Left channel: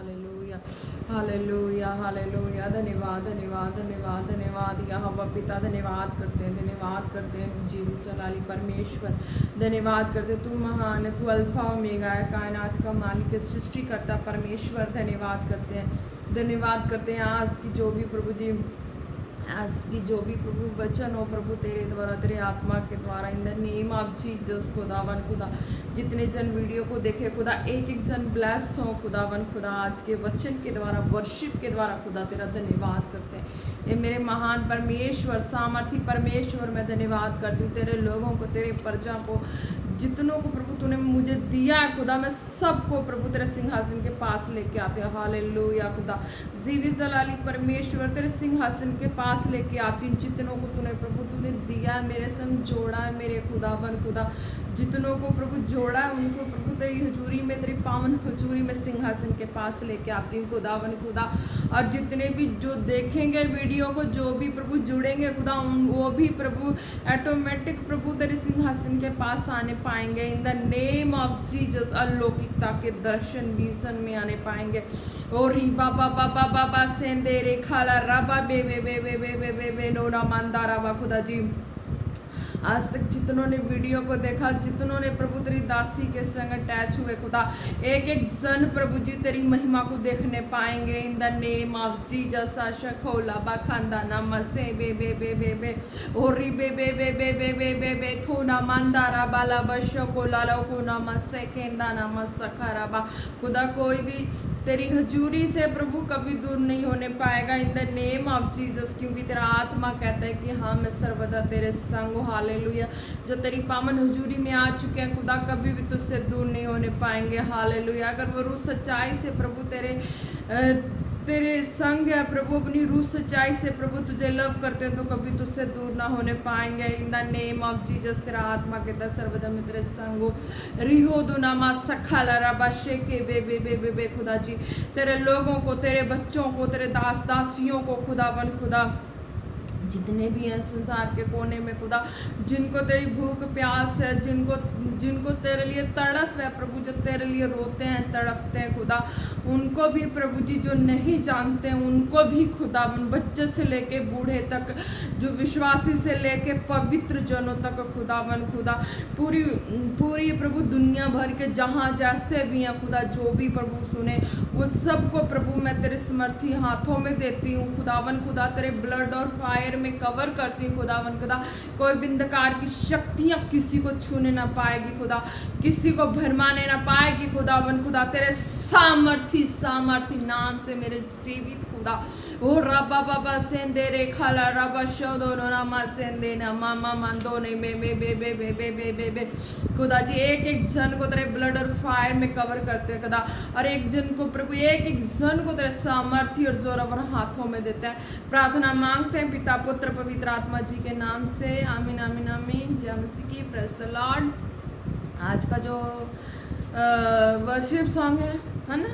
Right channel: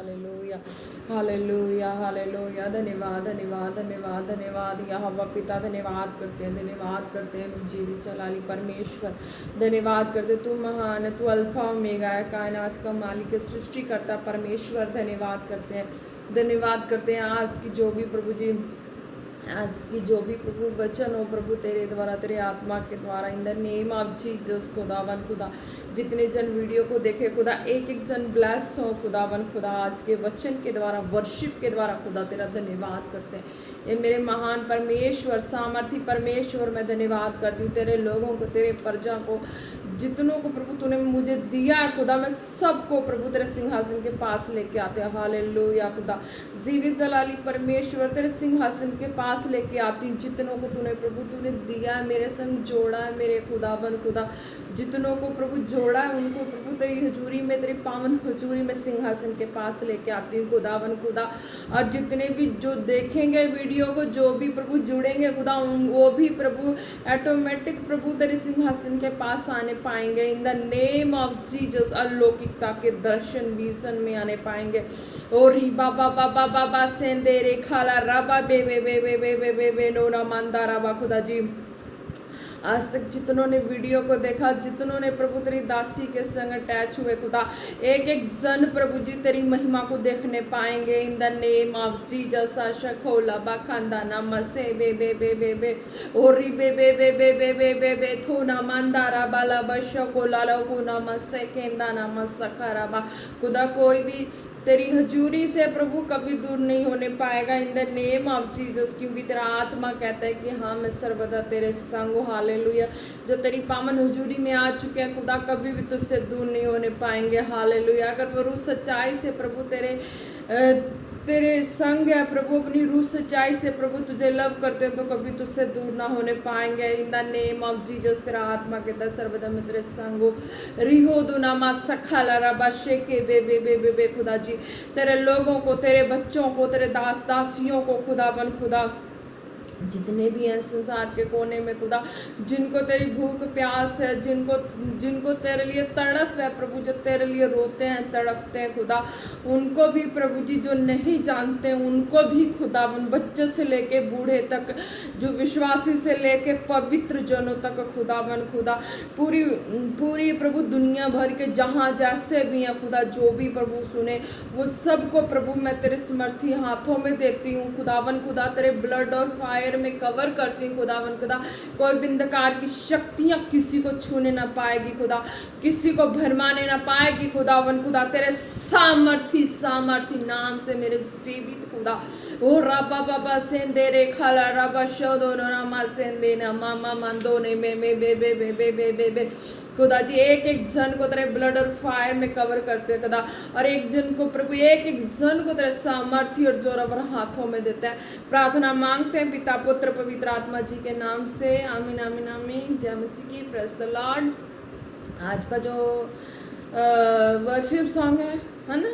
Hallelujah hallelujah hallelujah. धन्यवाद धन्यवाद धन्यवाद धन्यवाद यहोवा पिता, धन्यवाद करते हैं जीवित चलाली परमेश्वर, धन्यवाद करते तू महान, तू अल्फा ओमेगा है, कायनात का मालिक, सृष्टिकर्ता परमेश्वर, धन्यवाद करते हैं आज की जो भी प्रभु जी, आज की जो भी प्रभु वचन हो प्रभु तेरे द्वारा, तेरे आत्मा के द्वारा, इन द नेम ऑफ जीसस खुदावन खुदा, जितने जन वीडियो को देखे खुदा, एक एक जन ब्लेस हो खुदावन खुदा, आज के वचन के द्वारा, वर्शिप के द्वारा खुदा तेरा धन्यवाद करते हैं। ये मेरे महान परमेश्वर, सामर्थी परमेश्वर, मैं धन्यवाद करती हूँ तेरे लोगों को, तेरे प्रजा को, जितनों को प्रभु तूने मुझे दिया है खुदा, मैं सबको प्रभु तेरे सिंहासन के पास लेके आते हैं। हालेलुया खुदा, जीवित जलाली परमेश्वर, तेरे सिंहासन के पास लेके आती हूँ जितनों को तूने प्रभु तूने दिया है, मेरे संग जोड़ा है मेरे खुदावन खुदा, जितनों को प्रभु जोड़ा है उनको प्रभु तेरी हजूरी में, तेरी पावन हजूरी में सिंहासन के पास लेके आती हूँ खुदावन खुदा। और जितने भी जो देखेंगे वीडियो को, जो भी प्रभु जुड़ेंगे खुदा, वो भी प्रभु ऑटोमेटिक प्रभु तेरे सिंहासन के पास आने पाएंगे in the name of Jesus. अलौकिकता के दर्शन विजन में आने पाएंगे। और बाबा बाबा बाबा सेंदे रे खाला रबा बे बे बे बे बे बे बे बे नोना मांदा रबा खुदा जी, आज तक जितनों ने वीडियो को देखा, जितनों ने प्रभु तेरी दासी के संग अटैच हुए खुदा, एक एक जन प्रभु जी तेरी महिमा को देखने पाएंगे in the name of Jesus. आशा खोला बाखांदा ना मसे बे बे बे बे बे ओरी बे बे बे बे बे बे बे बे थोना मंदारा बाला बशो को लालो को ना मसे केंदा ना मसखरा बा खुदा, कोई भी तेरी हजूरी से प्रभु कभी दूर नहीं होने पाएगा इन द नेम ऑफ जीसस, क्योंकि तेरा आत्मा कहता है कि हाँ मैं सर्वदा तेरे संग हूँ। हालेलुया, जो तेरी पावन हजूरी में आ चुके हैं खुदा, कभी भी तुझसे दूर नहीं होने पाएंगे। हालेलुया, अगर वो रूह सच्चाई से प्रभु तेरे संग है प्रभु, अपनी रूह सच्चाई से प्रभु तुझे लव करते हैं, तो कभी तुझसे दूर ना होने पाएंगे in the name of Jesus. तेरा आत्मा कहता है सर्वदा मैं तेरे संग हो। रिहो दुनामा सखाला रबा शेके बे बे बे बे बे खुदा जी, तेरे लोगों को, तेरे बच्चों को, तेरे दास दासियों को खुदावन खुदा, जितने भी हैं संसार के कोने में खुदा, जिनको तेरी भूख प्यास है, जिनको तेरे लिए तड़फ है प्रभु, जो तेरे लिए रोते हैं तड़फते हैं खुदा, उनको भी प्रभु जी, जो नहीं जानते हैं उनको भी खुदा, बच्चे से लेके बूढ़े तक, जो विश्वासी से लेके पवित्र जनों तक खुदावन खुदा, पूरी प्रभु दुनिया भर के जहाँ जैसे भी हैं खुदा, जो भी प्रभु सुने वो सबको प्रभु मैं तेरे समर्थी हाथों में देती हूँ खुदावन खुदा, तेरे ब्लड और फायर में कवर करती हूँ खुदावन खुदा। कोई भी अंधकार की शक्तियां किसी को छूने ना पाएगी खुदा, किसी को भरमाने ना पाएगी खुदावन खुदा, तेरे सामर्थी नाम से मेरे जीवित खुदा। ओ रबा बाबा सेंदे रे खाला रबा शोदो ना मा सेंदे ना मामा मांदो ने बे बे बे बे बे बे बे बे बे खुदा जी, एक एक जन को तेरे ब्लड और फायर में कवर करते हैं खुदा, और एक जन को प्रभु, एक एक जन को तेरे सामर्थी और जोरावर हाथों में देता है। प्रार्थना मांगते हैं पिता पुत्र पवित्र आत्मा जी के नाम से, आमीन आमीन आमीन। जय मसीह की, प्रेज द लॉर्ड। आज का जो वर्शिप सॉन्ग है ना,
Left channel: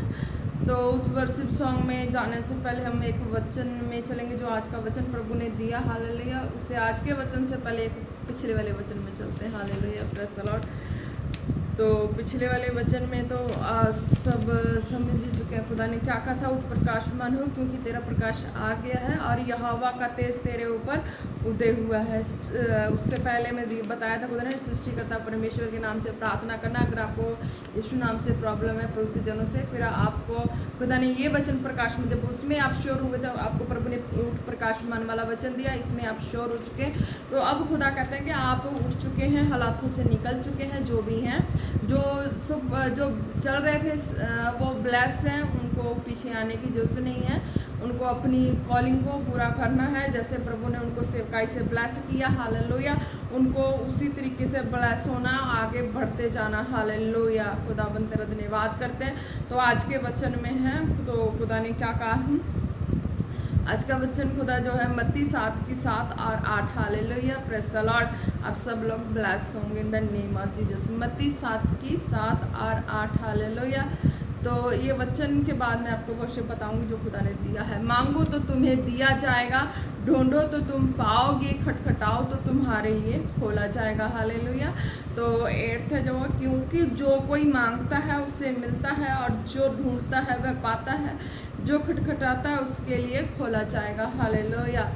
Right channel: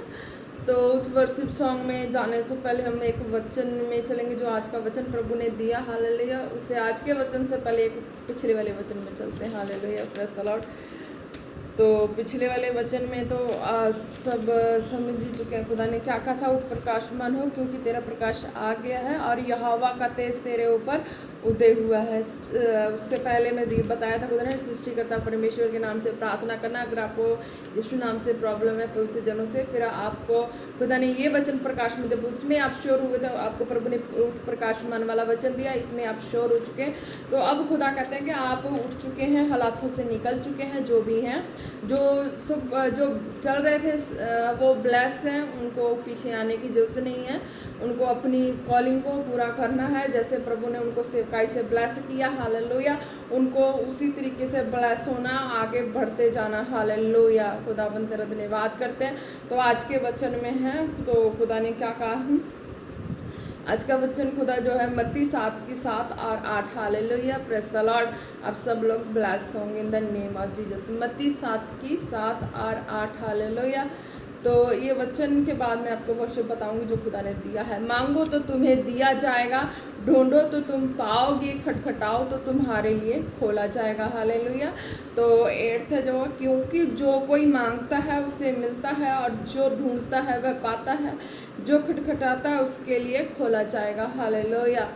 तो उस वर्शिप सॉन्ग में जाने से पहले हम एक वचन में चलेंगे, जो आज का वचन प्रभु ने दिया। हालेलुया, उसे आज के वचन से पहले एक पिछले वाले वचन में चलते हैं। Hallelujah, praise the Lord. तो पिछले वाले वचन में तो सब समझ ही चुके हैं खुदा ने क्या कहा था, उठ प्रकाशमान हो क्योंकि तेरा प्रकाश आ गया है और यहोवा का तेज तेरे ऊपर उदय हुआ है। उससे पहले मैं बताया था खुदा ने सृष्टिकर्ता परमेश्वर के नाम से प्रार्थना करना। अगर आपको यीशु नाम से प्रॉब्लम है पवित्र जनों से, फिर आपको खुदा ने ये वचन प्रकाश में, जब उसमें आप श्योर हुए थे, आपको प्रभु ने उठ प्रकाशमान वाला वचन दिया, इसमें आप श्योर हो चुके हैं। तो अब खुदा कहते हैं कि आप उठ चुके हैं, हालातों से निकल चुके हैं, जो भी हैं, जो चल रहे थे वो ब्लेस हैं, उनको पीछे आने की जरूरत नहीं है, उनको अपनी कॉलिंग को पूरा करना है। जैसे प्रभु ने उनको सेवकाई से ब्लेस किया, हालेलुया, उनको उसी तरीके से ब्लेस होना, आगे बढ़ते जाना। हालेलुया, खुदावंद तेरा धन्यवाद करते हैं। तो आज के वचन में है, तो खुदा ने क्या कहा, आज का वचन खुदा जो है मत्ती 7:7 और 8। Hallelujah, praise the Lord. आप सब लोग ब्लेस होंगे इन द नेम ऑफ जीसस। मत्ती 7:7 और 8। हालेलुया। तो ये वचन के बाद मैं आपको वर्शिप बताऊंगी जो खुदा ने दिया है। मांगो तो तुम्हें दिया जाएगा, ढूंढो तो तुम पाओगे, खटखटाओ तो तुम्हारे लिए खोला जाएगा। हालेलुया। तो 8 है जो, क्योंकि जो कोई मांगता है उसे मिलता है, और जो ढूंढता है वह पाता है, जो खटखटाता है उसके लिए खोला जाएगा। हालेलुया।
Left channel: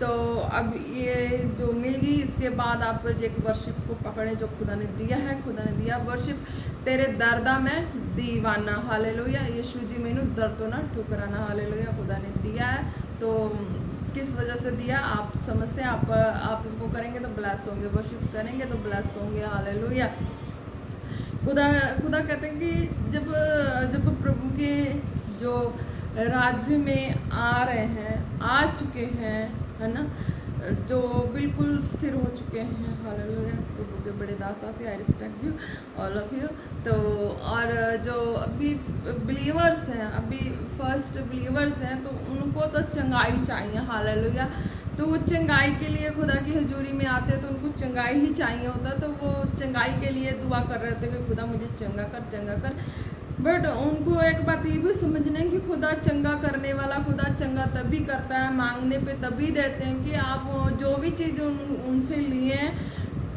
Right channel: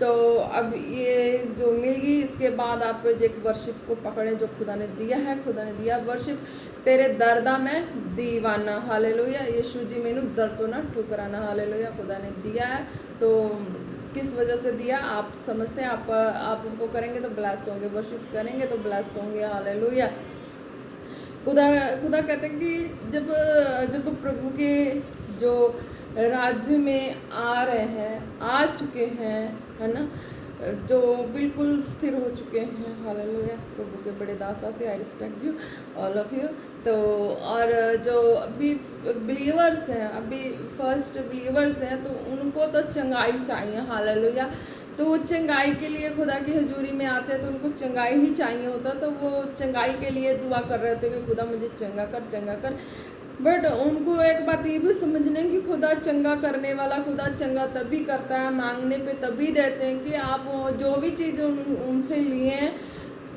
तो अब ये जो मिल गई, इसके बाद आप एक वर्शिप को पकड़े जो खुदा ने दिया है। खुदा ने दिया वर्शिप, तेरे दर्दा में दीवाना। हालेलुया। यीशु जी मैनू दर्द तो ना ठुकराना। हालेलुया। खुदा ने दिया है, तो किस वजह से दिया आप समझते हैं, आप उसको करेंगे तो ब्लेस होंगे, वर्शिप करेंगे तो ब्लेस होंगे। हालेलुया। खुदा खुदा कहते हैं कि जब प्रभु के जो राज्य में आ रहे हैं, आ चुके हैं, है ना, जो बिल्कुल स्थिर हो चुके हैं। हालेलुया। प्रभु के बड़े दास्ता से, I respect you all of you. तो और जो अभी बिलीवर्स हैं, अभी फर्स्ट बिलीवर्स हैं, तो उनको तो चंगाई चाहिए। हालेलुया। तो वो चंगाई के लिए खुदा की हजूरी में आते हैं, तो उनको चंगाई ही चाहिए होता, तो वो चंगाई के लिए दुआ कर रहे होते कि खुदा मुझे चंगा कर, चंगा कर। बट उनको एक बात ये भी समझना है कि खुदा चंगा करने वाला, खुदा चंगा तभी करता है, मांगने पे तभी देते हैं कि आप जो भी चीज़ उनसे लिए हैं,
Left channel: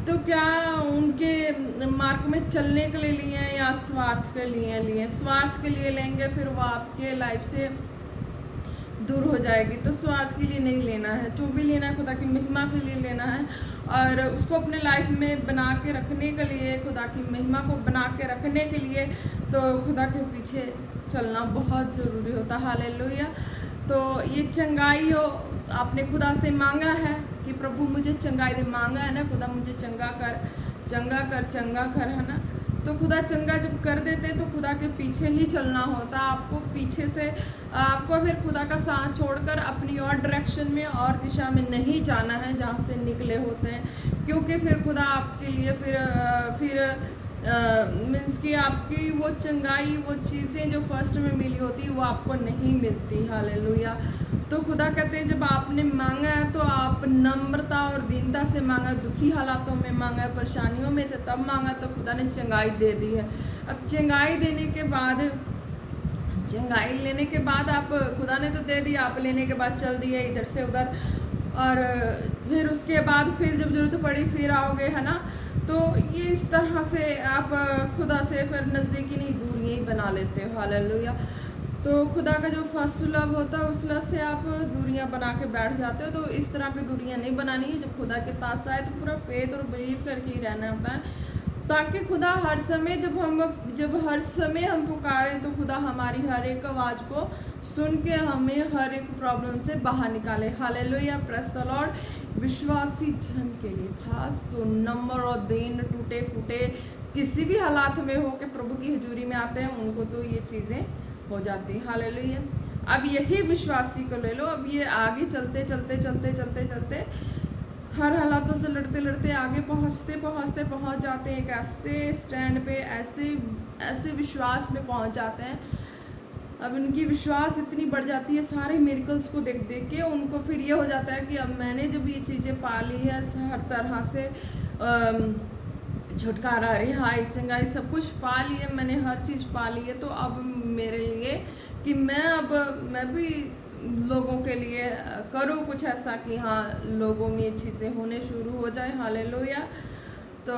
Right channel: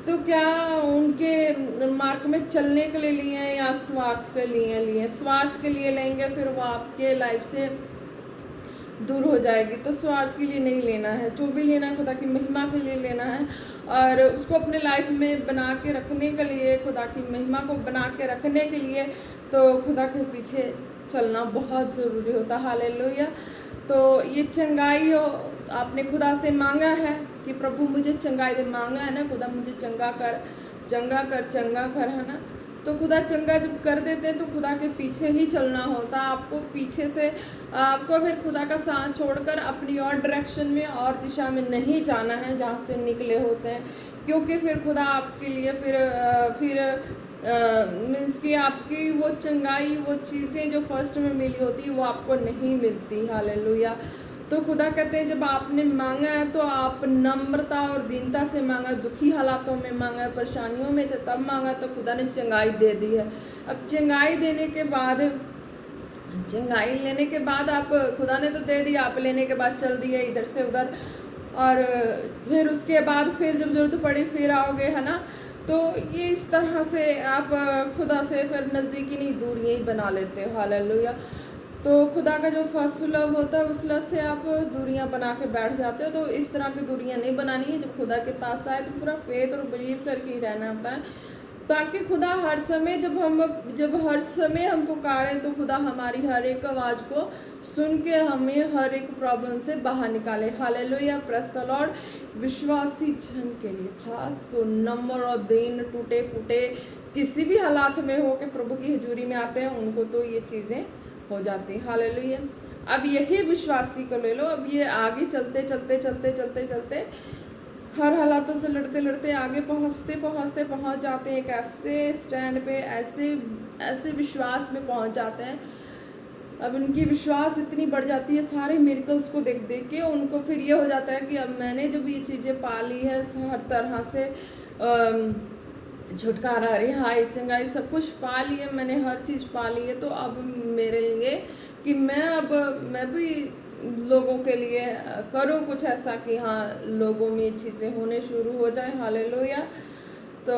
तो क्या उनके मार्ग में चलने के लिए लिए हैं या स्वार्थ के लिए स्वार्थ के लिए लेंगे, फिर वो आपके लाइफ से दूर हो जाएगी। तो स्वार्थ के लिए नहीं लेना है, जो भी लेना है खुदा की महिमा के लिए लेना है, और उसको अपने लाइफ में बना के रखने के लिए, खुदा की महिमा को बना के रखने के लिए, तो खुदा के पीछे चलना बहुत ज़रूरी होता है। हालेलुया। तो ये चंगाई हो, आपने खुदा से मांगा है कि प्रभु मुझे चंगाई दे, मांगा है ना, खुदा मुझे चंगा कर, चंगा कर, चंगा कर, है ना। तो खुदा चंगा जब कर देते हैं तो खुदा के पीछे ही चलना होता। आपको पीछे से आपको फिर खुदा का साथ छोड़कर अपनी और डायरेक्शन में और दिशा में नहीं जाना है जहाँ से निकले होते हैं, क्योंकि फिर खुदा आपके लिए फिर मीन्स कि आपकी वो चंगाई, वो चीज़ें जो फर्स्ट में मिली होती वो आपको नहीं मिलती। हालेलुया। तो खुदा कहते हैं जब आपने मांगा है तो आप नम्रता और दीनता से मांगा, दुखी हालातों में मांगा, परेशानियों में थे तब मांगा, तो खुदा ने चंगाई दे दी है। अब चंगाई देने के बाद, चंगाई लेने के बाद आप, खुदा ने तो दे दिया, आप लेने के बाद चल दिए इधर से उधर, और फिर उसके बाद फिर जब जरूरत पड़ी फिर आओगे, है ना। तो ये इस तरह से आप खुदा से फिर नज़दीकी नहीं, दूरियाँ ही बना लेते हो। हालेलुया। तो खुदा का जो फर्स्ट लव होता है उस लव से आप दूरियां बना के बैठ जाते हो। तो इस तरह की दूरियां नहीं बनानी है। जब खुदा के पास आए तो पूरा फेथ और बिलीव करके ही रहना होता है, ताकि खुदा हर समय जब हर समय हम पुकारें तो खुदा हमारी हर एक आवाज़ को सुन के हमें हर एक प्रॉब्लम से बाहर निकाले। हालेलुया। Praise the Lord. विश्वासी जन के लिए खास, जो नंबर और दिन टूटे फूटे किसी भी हालात में हो के प्रभु की हजूरी में आते हैं, उनको तो ये चीज़ें हो जाती। हालेलुया। अब यही विश्वासी को ले लो। अब ये आगे चलते चलते चलते चलते चलते हर हालातों से लड़ते लड़ते आगे पहुंच जाते हैं एक ऐसे स्टैंड पे, ऐसे विश्वास में पहुंच जाते हैं। अब उनकी विश्वास इतनी बढ़ जाती है सारे मिरेकल्स को देख देख के, उनको फिर ये हो जाता है कि अब मैंने जब ये चीज़ें पा ली है, हर तरह से छुटकारा, रिहाई, चंगाई, सब कुछ पा लिए, मैंने हर चीज़ पा ली है, तो अब मेरे लिए कि मैं भी लोगों के लिए करूँ कुछ ऐसा कि हाँ लोगों में चीज़ें होने शुरू हो जाए। हालेलुया। तो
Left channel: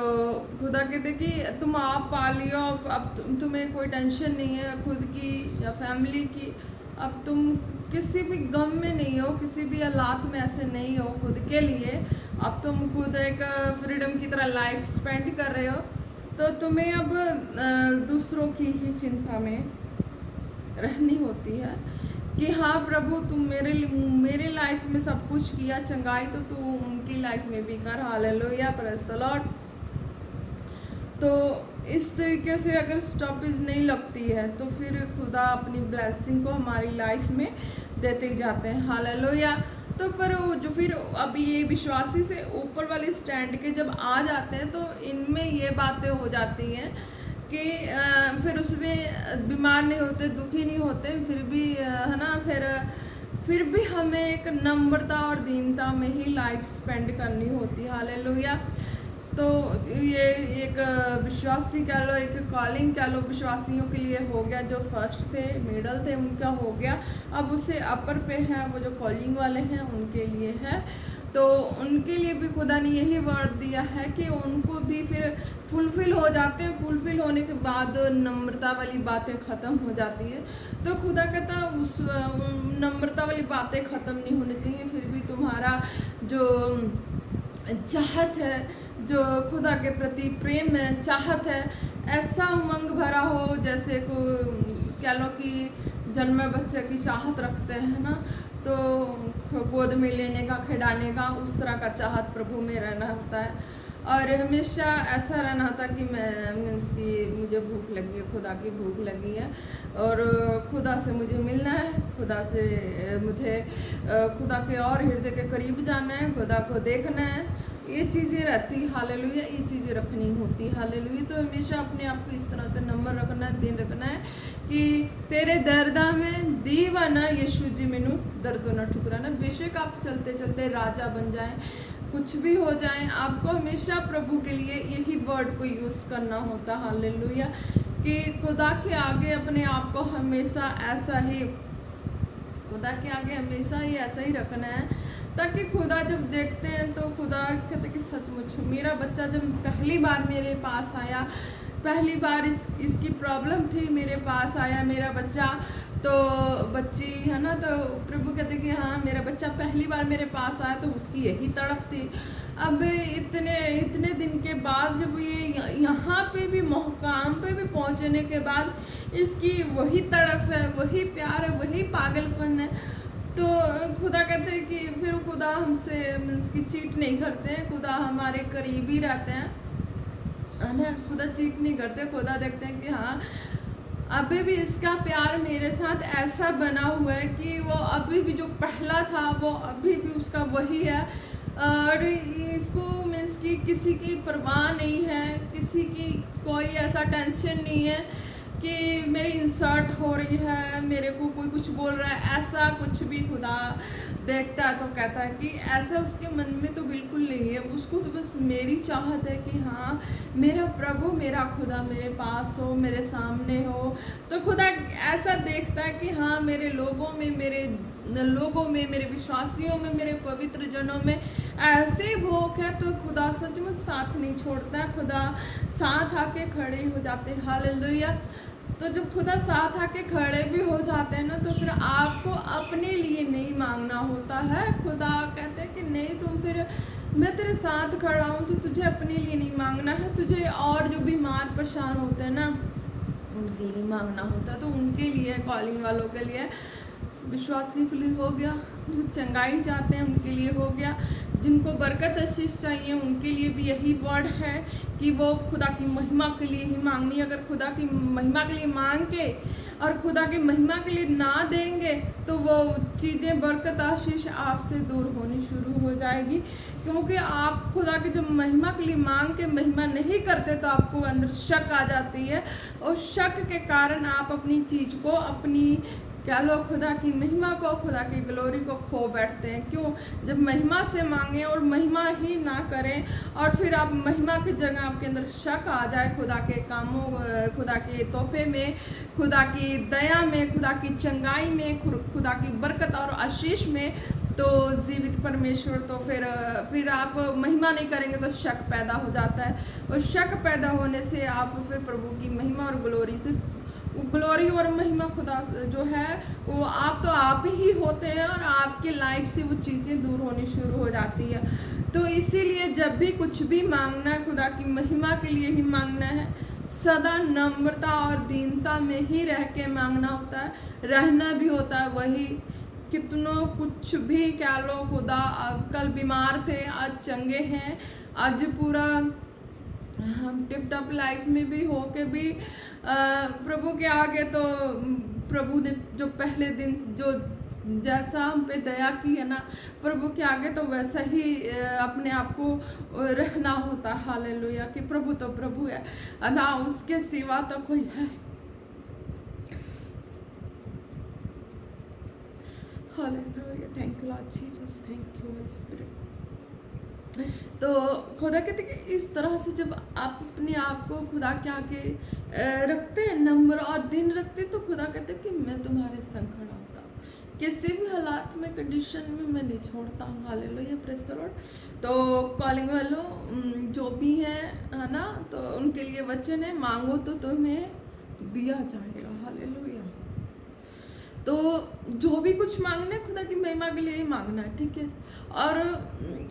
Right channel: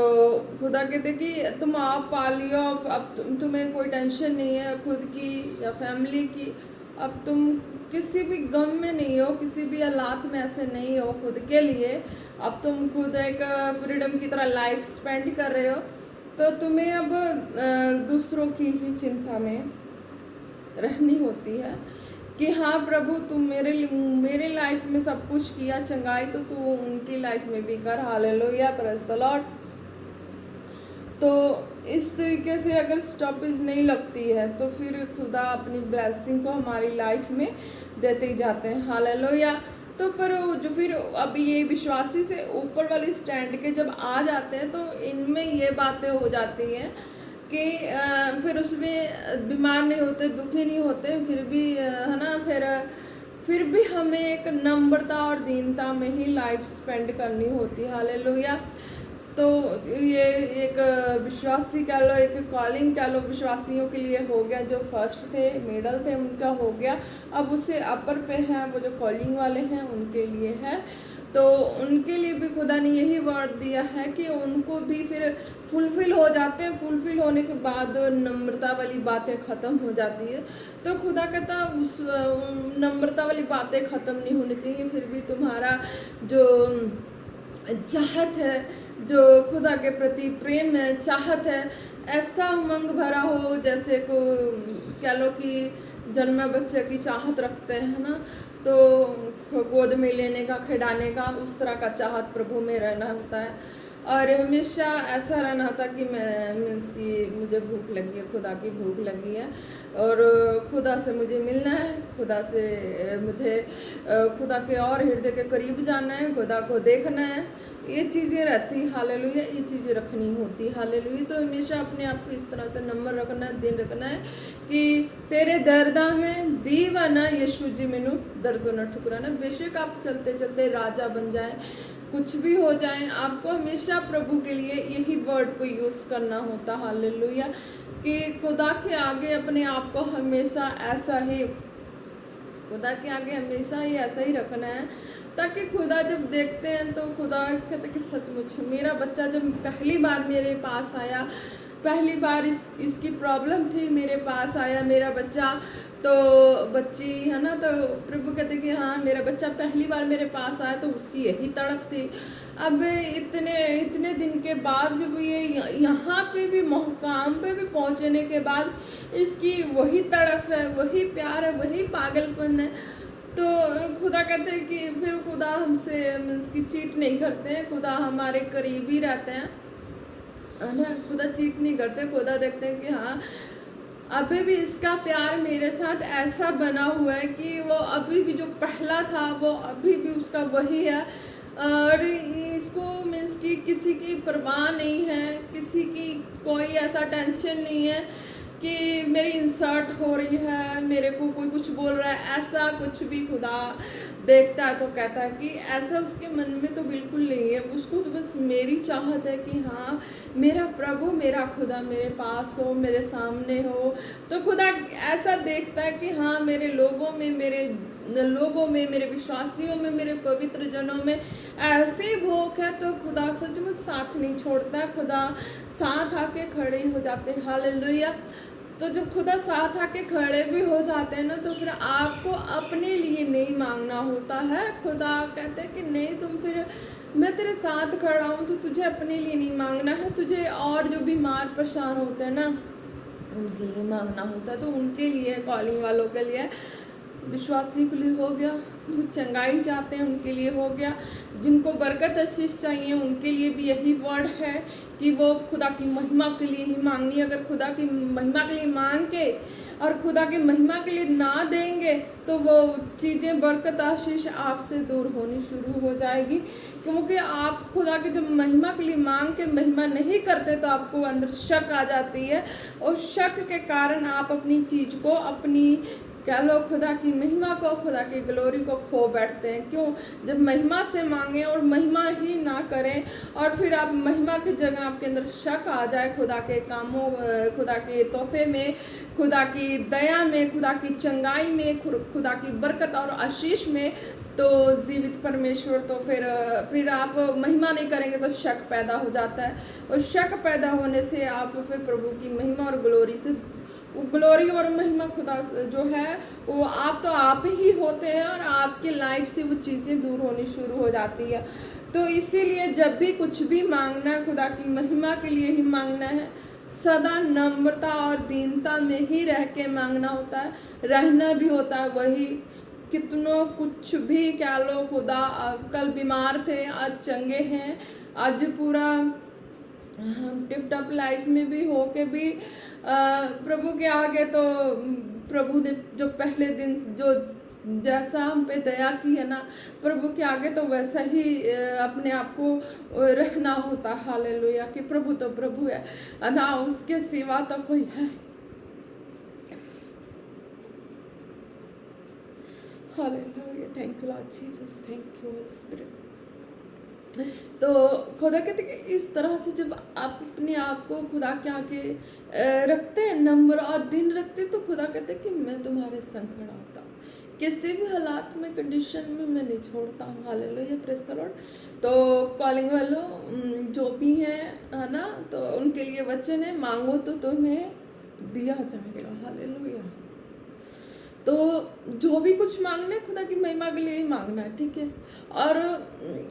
खुदा कहते कि तुम आप पा लियो, अब तुम्हें कोई टेंशन नहीं है खुद की या फैमिली की, अब तुम किसी भी गम में नहीं हो, किसी भी हालात में ऐसे नहीं हो खुद के लिए। अब तुम खुद एक फ्रीडम की तरह लाइफ स्पेंड कर रहे हो, तो तुम्हें अब दूसरों की ही चिंता में रहनी होती है कि हाँ प्रभु तुम मेरे लाइफ में सब कुछ किया, चंगाई तो तू उनकी लाइफ में भी कर। हालेलुया। Praise the Lord. तो इस तरीके से अगर स्टॉपेज नहीं लगती है तो फिर खुदा अपनी ब्लेसिंग को हमारी लाइफ में देते ही जाते हैं। हालेलुया। तो पर जो फिर अब ये विश्वासी से ऊपर वाले स्टैंड के जब आ जाते हैं, तो इनमें ये बातें हो जाती हैं कि फिर उसमें बीमार नहीं होते, दुखी नहीं होते, फिर भी है ना, फिर भी हमें एक नम्रता और दीनता में ही लाइफ स्पेंड करनी होती है। हालेलुया। तो ये एक विश्वासी कह लो, एक कॉलिंग कह लो, विश्वासियों के लिए हो गया। जो फर्स्ट थे, मिडल थे, उनका हो गया। अब उससे अपर पे हैं वो जो कॉलिंग वाले हैं, उनके लिए है। तो उनके लिए भी खुदा ने यही वर्ड दिया है कि उनको भी फिर फुलफिल हो जाते हैं। फुलफिल होने के बाद नम्रता वाली बातें ख़त्म हो जाती है। तो खुदा कहता उस नम्रता वाली बातें ख़त्म नहीं होनी चाहिए। फिर भी तुम्हारा जो चाहत है, जो खुदा के प्रति प्रेम है, चाहत है, ऐसा उमंग भरा हो जैसे को कह लो कि जन्मे बच्चे की चाहत रखते हैं ना, तो गोद में लेने का, खिलाने का, उस तरह का चाहत प्रभु में रहना होता है। और हमेशा ऐसा रहना होता कि मैं मीन्स कि मुझे भूख लगी है, खुदा की भूख लगी है, और खुदा से मुझे मिलना है, खुदा से मुझे खुदा के और हृदय के करीब जाना है, खुदा को देखना है। ये चीज़ें रहती, हालेलुया, ये चीज़ें रखनी होती, हालेलुया। तो हमेशा अपने आप को इस तरह से नंबर रखना है, दिन रखना है कि तेरे दर्दा में दीवाना यीशु जी मैनू दर्दों न ठुकराना। बेशक आप चलते चलते राजा बन जाए, कुछ भी हो जाए, आपको हमेशा प्रभु के लिए यही वर्ड को यूज़ करना होता, हालेलुया, कि खुदा के आगे अपने आप को हमेशा ऐसा ही, खुदा के आगे हमेशा ही ऐसा ही रखना है, ताकि खुदा जब देखते हैं तो खुदा कहते कि सचमुच मेरा बच्चा जब पहली बार मेरे पास आया, पहली बार इसकी प्रॉब्लम थी, मेरे पास आया मेरा बच्चा, तो बच्ची है ना, तो प्रभु कहते कि हाँ मेरा बच्चा पहली बार मेरे पास आया, तो उसकी यही तड़फ थी। अब इतने दिन के बाद जब ये यहाँ पे भी मुकाम पे भी पहुँचने के बाद इसकी वही तड़फ है, वही प्यार है, वही पागलपन है। तो खुदा कहते हैं कि फिर खुदा हमसे मीन्स की चीट नहीं करते हैं, खुदा हमारे करीब ही रहते हैं, है ना। खुदा चीट नहीं करते, खुदा देखते हैं कि हाँ अभी भी इसका प्यार मेरे साथ ऐसा बना हुआ है कि वो अभी भी जो पहला था वो अभी भी उसका वही है, और इसको मीन्स कि किसी की परवाह नहीं है, किसी की कोई ऐसा टेंशन नहीं है कि मेरी इंसर्ट हो रही है, मेरे को कोई कुछ बोल रहा है, ऐसा कुछ भी खुदा देखता है तो कहता है कि ऐसा उसके मन में तो बिल्कुल नहीं है। उसको तो बस मेरी चाहत है कि हाँ मेरा प्रभु, मेरा खुदा मेरे पास हो, मेरे सामने हो। तो खुदा ऐसा देखता है कि हाँ मेरे लोगों में, मेरे विश्वासियों में, मेरे पवित्र जनों में ऐसी भूख है, तो खुदा सचमुच साथ नहीं छोड़ता, खुदा साथ आके खड़े हो जाते हैं, हालेलुया। तो जब खुदा साथ आके खड़े भी हो जाते हैं ना, तो फिर आपको अपने लिए नहीं मांगना होता है। खुदा कहते हैं कि नहीं, तुम फिर मैं तेरे साथ खड़ा हूँ, तो तुझे अपने लिए नहीं मांगना है, तुझे और जो बीमार परेशान होते हैं ना उनके लिए मांगना होता है। तो उनके लिए, कॉलिंग वालों के लिए, विश्वासी के लिए हो गया, जो चंगाई चाहते हैं उनके लिए हो गया, जिनको बरकत आशीष चाहिए उनके लिए भी यही वर्ड है कि वो खुदा की महिमा के लिए ही मांगनी। अगर खुदा की महिमा के लिए मांग के और खुदा की महिमा के लिए ना देंगे तो वो चीज़ें, बरकत आशीष आपसे दूर होनी शुरू हो जाएगी, क्योंकि आप खुदा की जब महिमा के लिए मांग के महिमा नहीं करते तो आपको अंदर शक आ जाती है, और शक के कारण आप अपनी चीज़ को, अपनी क्या लो खुदा की महिमा को, खुदा की ग्लोरी को खो बैठते हैं। क्यों? जब महिमा से मांगें और महिमा ही ना करें, और फिर आप महिमा की जगह आपके अंदर शक आ जाए खुदा के कामों, खुदा के तोहफे में, खुदा की दया में, खुदा की चंगाई में, खुदा की बरकत और आशीष में, तो जीवित परमेश्वर, तो फिर आप महिमा नहीं करेंगे तो शक पैदा हो जाता है, और शक पैदा होने से आप फिर प्रभु की महिमा और ग्लोरी से, ग्लोरी और महिमा खुदा जो है वो आप ही होते हैं, और आपकी लाइफ से वो चीज़ें दूर होनी शुरू हो जाती है। तो इसीलिए जब भी कुछ भी मांगना है, खुदा की महिमा के लिए ही मांगना है, सदा नम्रता और दीनता में ही रह के मांगना होता है, रहना भी होता है वही। कितनों कुछ भी क्या लो, खुदा कल बीमार थे आज चंगे हैं, आज पूरा हम टिप टॉप लाइफ में भी हो के भी प्रभु के आगे, तो प्रभु ने जो पहले दिन जो जैसा हम पे दया की है ना, प्रभु के आगे तो वैसा ही अपने आप को रहना होता है, हालेलुया, कि प्रभु तो प्रभु है ना, उसके सिवा तो कोई है। Hallelujah, thank you Lord Jesus, thank you Holi spirit. तो खुदा कहते कि इस तरह से जब आप अपने आप को खुदा के आगे रखते हैं, नम्र और दिन रखते हैं, तो खुदा कहते कि मैं तुम्हारे संग खड़ा होता हूँ, किसी भी हालात में, कंडीशन में मैं नहीं छोड़ता हूँ। Hallelujah, praise the Lord. तो कॉलिंग वालों जो भी हैं, है ना, तो उनके लिए वचन है, मांगो तो तुम्हें दिया जाएगा। हालेलुया। तो जो भी कुछ मांगना है खुदा की महिमा के लिए ही मांगना है, ठीक है। और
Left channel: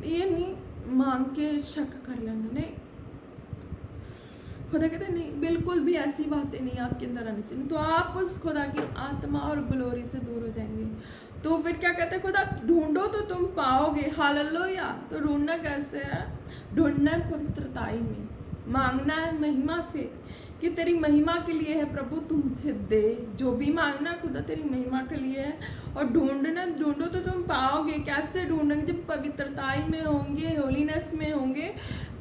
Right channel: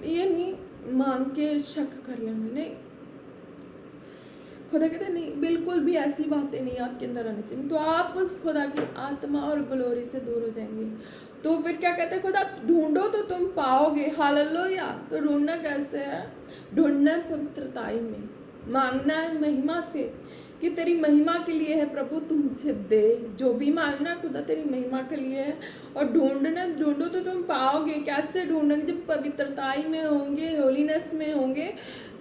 ये नहीं मांग के शक कर लेना, नहीं। खुदा कहते नहीं, बिल्कुल भी ऐसी बातें नहीं आपके अंदर आनी चाहिए, तो आप उस खुदा की आत्मा और ग्लोरी से दूर हो जाएंगे। तो फिर क्या कहते हैं खुदा, ढूंढो तो तुम पाओगे। हालेलुया। तो ढूंढना कैसे है? ढूंढना है पवित्रताई में, मांगना है महिमा से कि तेरी महिमा के लिए है प्रभु, तू मुझे दे। जो भी मांगना खुदा तेरी महिमा के लिए है। और ढूंढो तो तुम पाओगे। कैसे ढूंढेंगे? जब पवित्रताई में होंगे, होलीनेस में होंगे,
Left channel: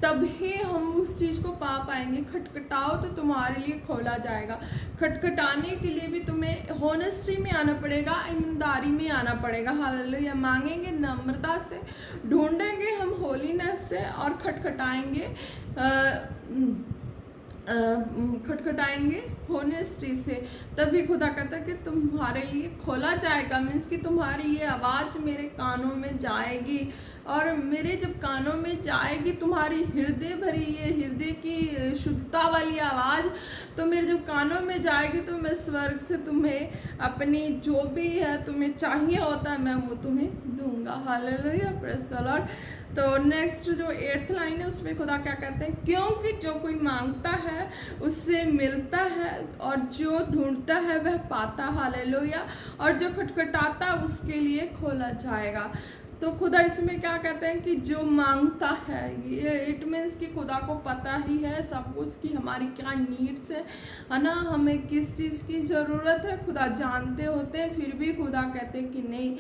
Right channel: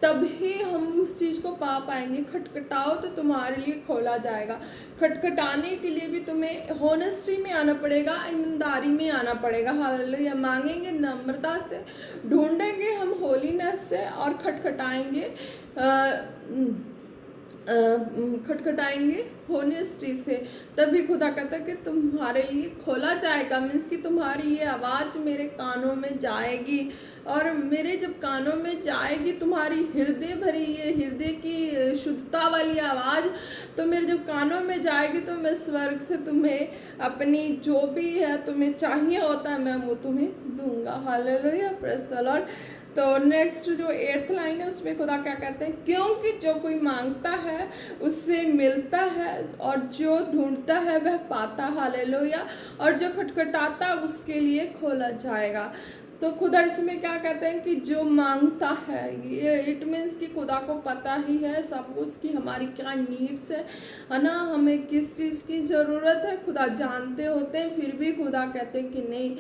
तभी हम उस चीज़ को पा पाएंगे। खटखटाओ तो तुम्हारे लिए खोला जाएगा। खटखटाने के लिए भी तुम्हें होनेस्टी में आना पड़ेगा, ईमानदारी में आना पड़ेगा। हालेलुया। मांगेंगे नम्रता से, ढूंढेंगे हम होलीनेस से, और खटखटाएंगे होनेस्टी से, तभी खुदा कहता है कि तुम्हारे लिए खोला जाएगा। मीन्स कि तुम्हारी ये आवाज़ मेरे कानों में जाएगी, और मेरे जब कानों में जाएगी तुम्हारी हृदय भरी, ये हृदय की शुद्धता वाली आवाज़, तो मेरे जब कानों में जाएगी, तो मैं स्वर्ग से तुम्हें अपनी जो भी है तुम्हें चाहिए होता है, मैं वो तुम्हें दूंगा। Hallelujah, praise the Lord. तो नेक्स्ट जो 8th लाइन है, उसमें खुदा क्या कहते हैं? क्योंकि जो कोई मांगता है उससे मिलता है, और जो ढूंढता है वह पाता। हालेलुया। और जो खटखटाता उसके लिए खोला जाएगा। तो खुदा इसमें क्या कहते हैं कि जो मांगता है, ये इट मीन्स कि खुदा को पता ही है सब कुछ कि हमारी क्या नीड्स है ना, हमें किस चीज़ की ज़रूरत है, खुदा जानते होते हैं। फिर भी खुदा कहते हैं कि नहीं,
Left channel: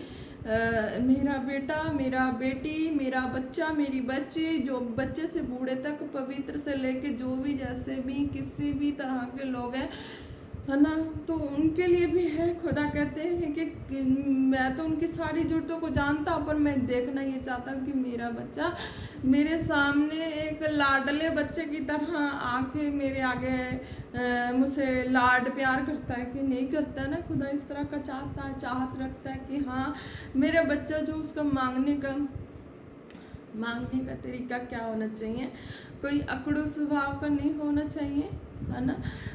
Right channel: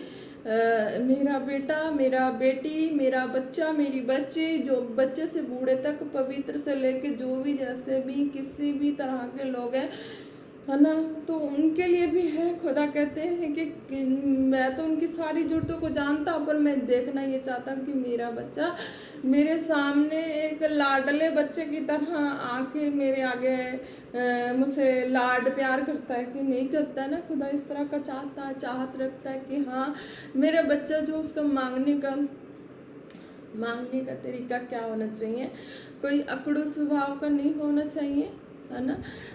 मेरा बेटा, मेरा बेटी, मेरा बच्चा, मेरी बच्ची, जो बच्चे से बूढ़े तक, पवित्र से लेके जो भी जैसे भी किसी भी तरह के लोग हैं, है ना, तो उनके लिए भी है। खुदा कहते हैं कि मैं तो उनकी सारी ज़रूरतों को जानता हूँ, पर मैं देखना ये चाहता हूँ कि मेरा बच्चा मेरे सामने एक लाडले बच्चे की तरह आके मेरे आगे मुझसे लाड प्यार करता है कि नहीं करता ना। खुदा इस तरह का चाहता है, चाहत रखता है कि हाँ, मेरा बच्चा जो उसका मांगने का तरीका क्या होना चाहिए, कोई अकड़ू स्वभाव का नहीं होना चाहिए, है ना।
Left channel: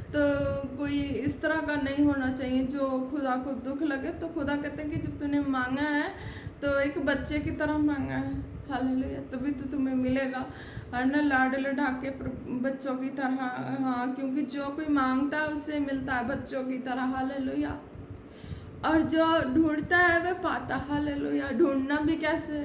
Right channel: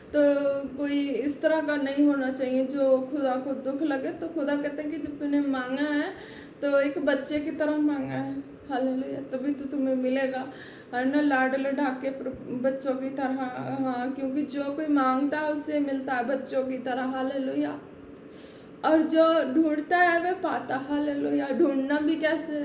तो कोई इस तरह का नहीं होना चाहिए जो खुदा को दुख लगे। तो खुदा कहते हैं कि जब तूने मांगा है तो एक बच्चे की तरह मांगा है। हालेलुया। तभी तो तुम्हें मिलेगा, और ना लाड लड़ा के बच्चों की तरह। हाँ, क्योंकि जो कोई मांगता है उससे मिलता है, बच्चों की तरह। हालेलुया। और जो ढूंढता है वह पाता। हालेलुया। ढूंढना भी कैसे,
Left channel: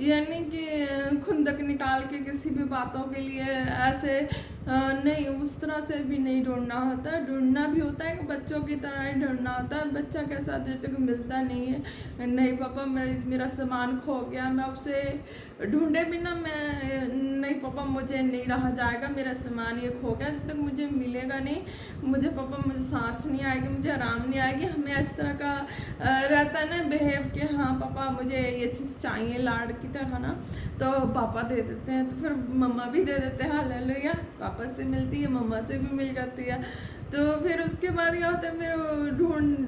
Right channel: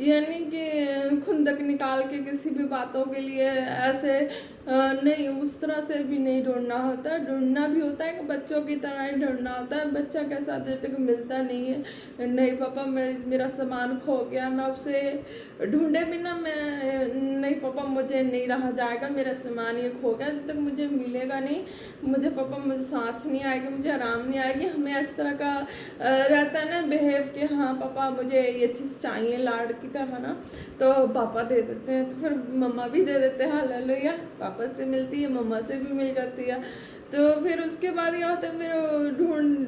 यानी कि खुंदक निकाल के किसी भी बातों के लिए ऐसे नहीं, उस तरह से भी नहीं ढूंढना होता। ढूंढना भी होता है कि बच्चों की तरह ही ढूंढना होता है। बच्चा कैसा जब तक मिलता नहीं है, नहीं पापा मेरा सामान खो गया, मैं उसे ढूंढे बिना मैं नहीं पापा मुझे नहीं रहा जाएगा, मेरा सामान ये खो गया, जब तक मुझे मिलेगा नहीं, मुझे पापा मुझे सांस नहीं आएगी, मुझे आराम नहीं आएगी। हमें इस तरह का रहता है ना बिहेव कि हाँ पापा मुझे ये चीज़ चाहिए, लाड की तरह ना। तो पापा दे देते हैं, तो फिर मम्मा भी दे देते हैं। हालेलुया। पापा से मिलती है, मम्मा से भी मिल जाती है। तो फिर उसके बाद क्या होता है, फिर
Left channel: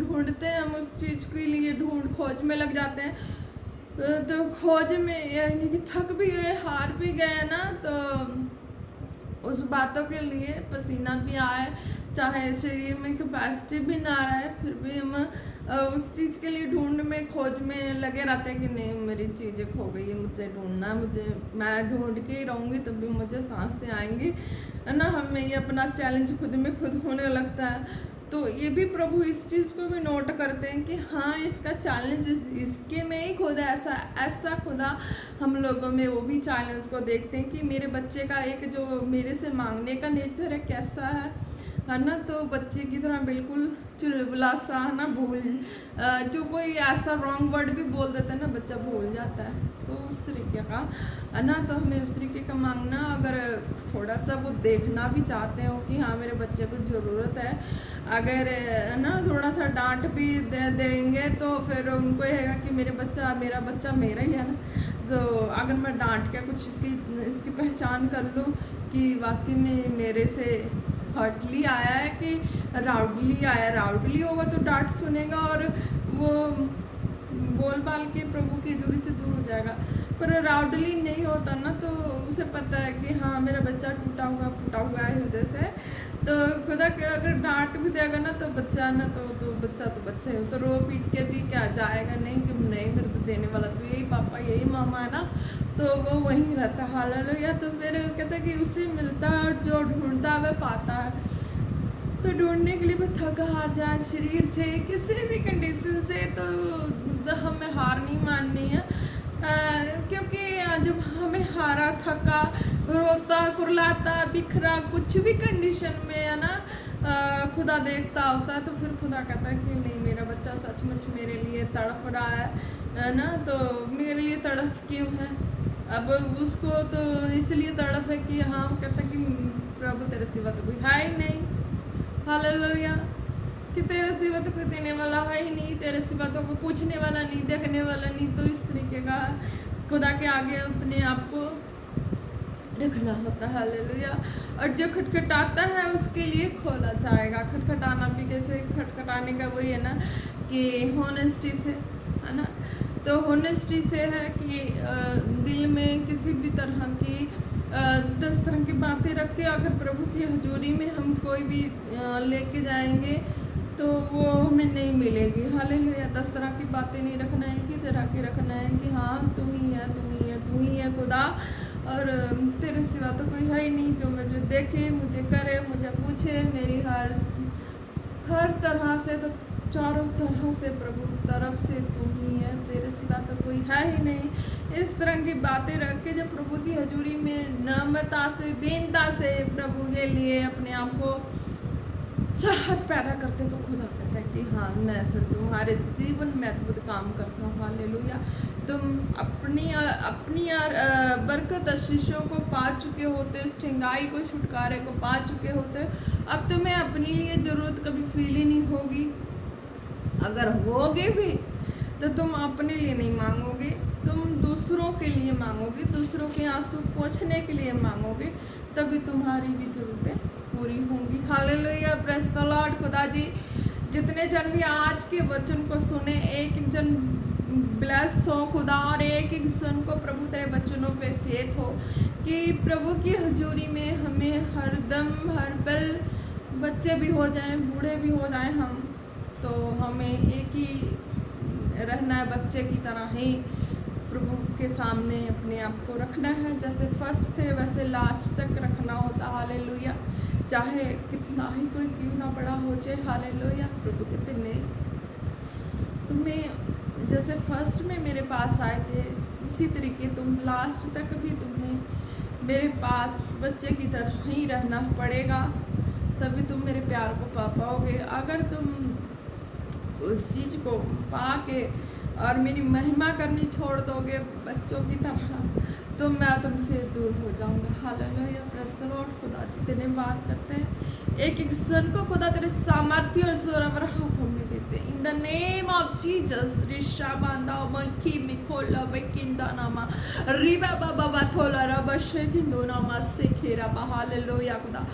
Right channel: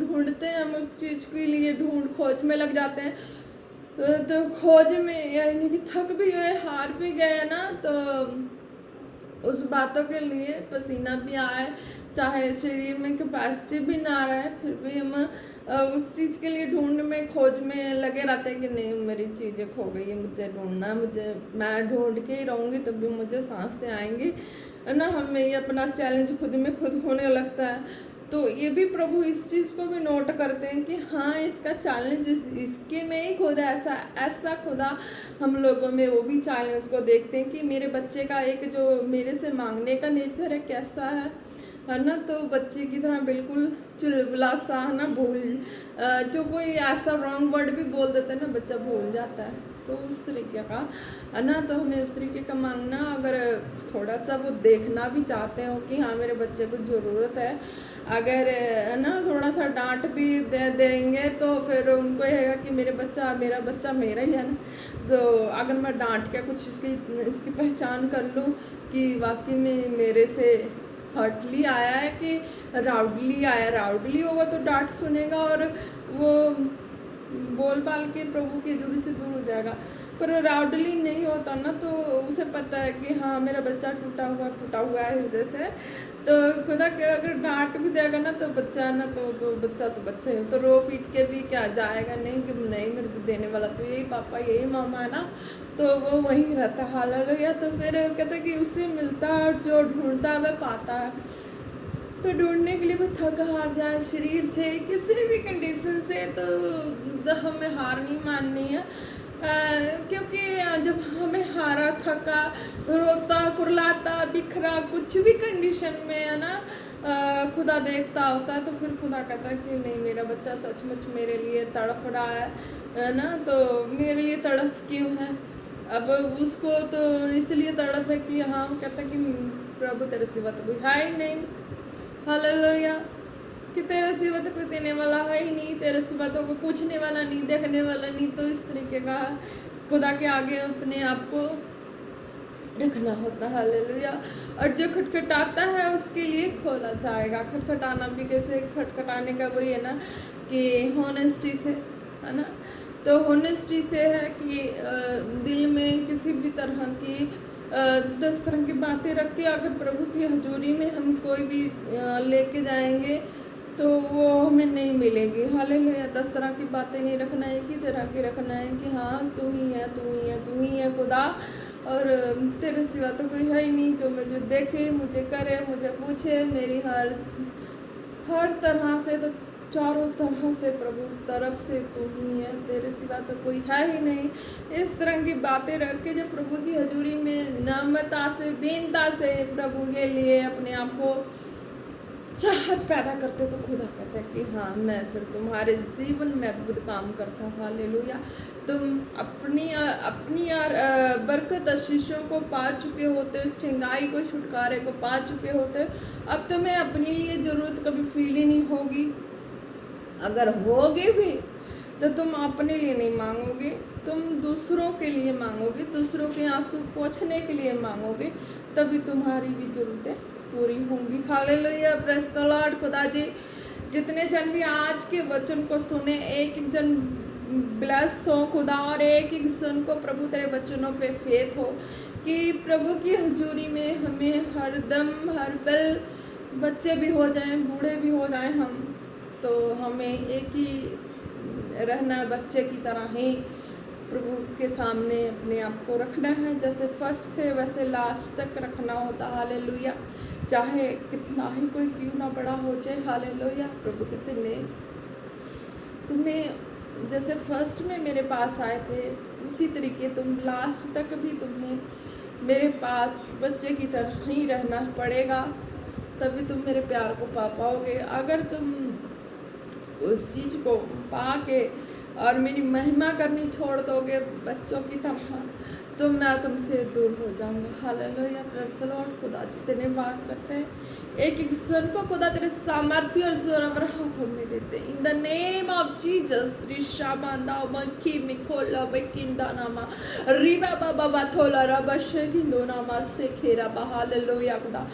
ढूंढते हैं हम उस चीज़ के लिए, खोज में लग जाते हैं। तो खोज में यानी कि थक भी गए, हार भी गए ना, तो उस बातों के लिए पसीना भी आए, चाहे शरीर में कैपेसिटी भी ना रहे, फिर भी हम उस चीज़ के लिए ढूंढ में, खोज में लगे रहते हैं कि नहीं मेरी चीज़ें खो गई है, मुझे ढूंढना, मैं ढूंढ के ही रहूँगी तभी मुझे सांसें आएंगी, है ना। हमें ये अपना चैलेंज खुद में खुद होने लगता है। तो ये भी प्रभु इस चीज़ को भी नोट करते हैं कि हाँ, इसका चैलेंज इसके में ही खुदा ऐसा खुदा हम लोगों में वो भी चैलेंज को देखते हैं कि मेरे बच्चे का एक जो मेरे से मांगने का नेचर है कैसा है ना। तो बच्चे की तरह बिल्कुल चुलबुला सा, है ना, जो कोई ऐसा रॉन्ग वर्ड भी बोल देता है ना, बच्चा भूल जाता है। तो उस तरीके का, है ना। तो हमें उस तरीके का मांगना, अगर थोड़ा सा वो देखना भी चाहते हो कि हाँ मेरे बच्चे को ज़रूरत है, अगर है ना थोड़ा सा डांट भी दे देंगे तो फिर उनको ये है कि मेरा बच्चा मेरा ही है ना, तो अगर मैं डांट के कुछ इसकी पहचान कर लूँ कि वाकई में मेरे से हर्टली आया है कि राउडली आया, राउडली होगा तो डांट सुनेगा और वो बोल बाल के प्रभु की हजूरी से दूर हो जाएगा। पर राउडली नहीं होता ना, तो उसे पता है कि हाँ मेरा बच्चा टूटा हुआ फूटा हुआ है हृदय से, तो खुदा के अगर डांट भी देगा ना तो बच्चा ना तो बच्चा तो बच्चा है, तो रो पीट के भी क्या जाएगा नहीं कि नहीं मेरे को देने वाला तो यही पापा यही मामा है ना, तो वो वहीं रहता हालेलुया। तो फिर कहता है कि उसे मिलता है जो ढूंढता है वह पाता है। तो ढूंढने के लिए वो थक हार जाए शरीर से किसी भी कंडीशन से, तो हमें हार नहीं माननी है, क्योंकि जब हमें हारा थका रोता कुरलाता बिखरा कुछ भी कंडीशन में है ना खुदा देखता होता है, तो फिर खुदा कहता है कि नहीं मेरा बच्चा सचमुच मेरे लिए तड़प रहा है ना, तो मेरे लिए तड़प क्यों है। अब उसको तो इसलिए तड़प है कि हाँ कहता है कि प्रभु तेरे सिवा तो कोई है ही नहीं, हालेलुया, कि तेरे सिवा तो कोई देने वाला है ही नहीं, तेरे सिवा तो कोई पूछने वाला नहीं, देखने वाला नहीं। तो इस तरीके का खुदा के आगे अपने आप को रखना होता है, हालेलुया। और जो खटखटाता है उसके लिए खोला जाएगा। खटखटाना भी कैसे, खटखटाने का वही है ना कि होनेस्टी से, है ना। तो होनेस्टी से है कि दिल में किसी भी तरह की 10 तरह की बातें रख के अगर प्रभु की हजूरी में हम कोई भी लेके जाएंगे तो वो हमें नहीं मिलेगी, हालेलुया। 10 तरह की बातें नहीं रखना है, एक ही तरह की रखना है कि हाँ तू ही है, तू ही है, तू ही है खुदा, और तेरे सिवा तो कोई है ही नहीं जो मुझे देखे, मुझे करे, मुझे पूछे, मेरी हर तरह से, तो चारों तरह से प्रभु तरफ से तू ही है, तेरे सिवा तो कोई है ही नहीं। इस तरह की बातें रख के जब प्रभु की हजूरी में नम्रता से दीनता से प्रभु के लिए अपने आप को चाहत पैदा करते, तो खुदा कहता है कि हाँ मैं फिर तुम्हारे जीवन में अद्भुत काम करता हूँ, हालेलुया। तुम अपनी बरकत आशीषों को पा चुके होते, उस चंगाई को छुटकारे को पा चुके होते, अब तुम्हें अपने लिए ज़रूरत कभी फील ही नहीं होगी। अगर होगे भी तो तुम अपने लिए नहीं मांगोगे, तुम दूसरों के लिए मांगोगे, दूसरों के आंसू पोंछने के लिए मांगोगे, तभी तुम्हारी भी ज़रूरतें पूरी होंगी, हालेलुया, प्रेज़ द लॉर्ड। खुदा जी जितने जन भी आज के वचन को सुने, एक एक जन ब्लेस हो खुदा, और एक एक जन को प्रभु तेरे वचनों पे फेथ हो कि प्रभु की हजूरी में हमें हर दम हर पल, बच्चे भी हो जाएं बूढ़े भी हो जाएं हम, तो हमें एक ही रहना है, बच्चे की तरह ही प्रभु के सामने अपने आप को रखना है। जैसे फर्स्ट थे वैसे लास्ट तक रखना होता, हालेलुया, चाहे कितना ही कोई क्यों ना बड़ा हो जाए, हालेलुया। प्रभु कहते नहीं, तुम्हें जैसे फर्स्ट में मेरे पास आए थे उसी तरीके तुम लास्ट तक भी तुम्हें मेरे पास बच्चे की तरह ही रहना पड़ेगा, तभी तुम मेरे प्यार को पा पाओगे। अगर तुम उस चीज़ को पा के और मेरी महिमा करनी छोड़ दोगे बच्चों की तरह, तो मैं तुमसे दूर हो जाऊंगा, हालेलुया, प्रेज़ द लॉर्ड। खुदा जी धन्यवाद करते हैं, एक एक जन को खुदा तेरे सामर्थ्य और जोरावर हाथों में देते हैं, in the name of Jesus. Risha बांधा मक्खी मिकोला बकिंदा नामा रिबा बाबा बाथोला रबशे किंदो नामा से खेरा, हालेलुया। खुदा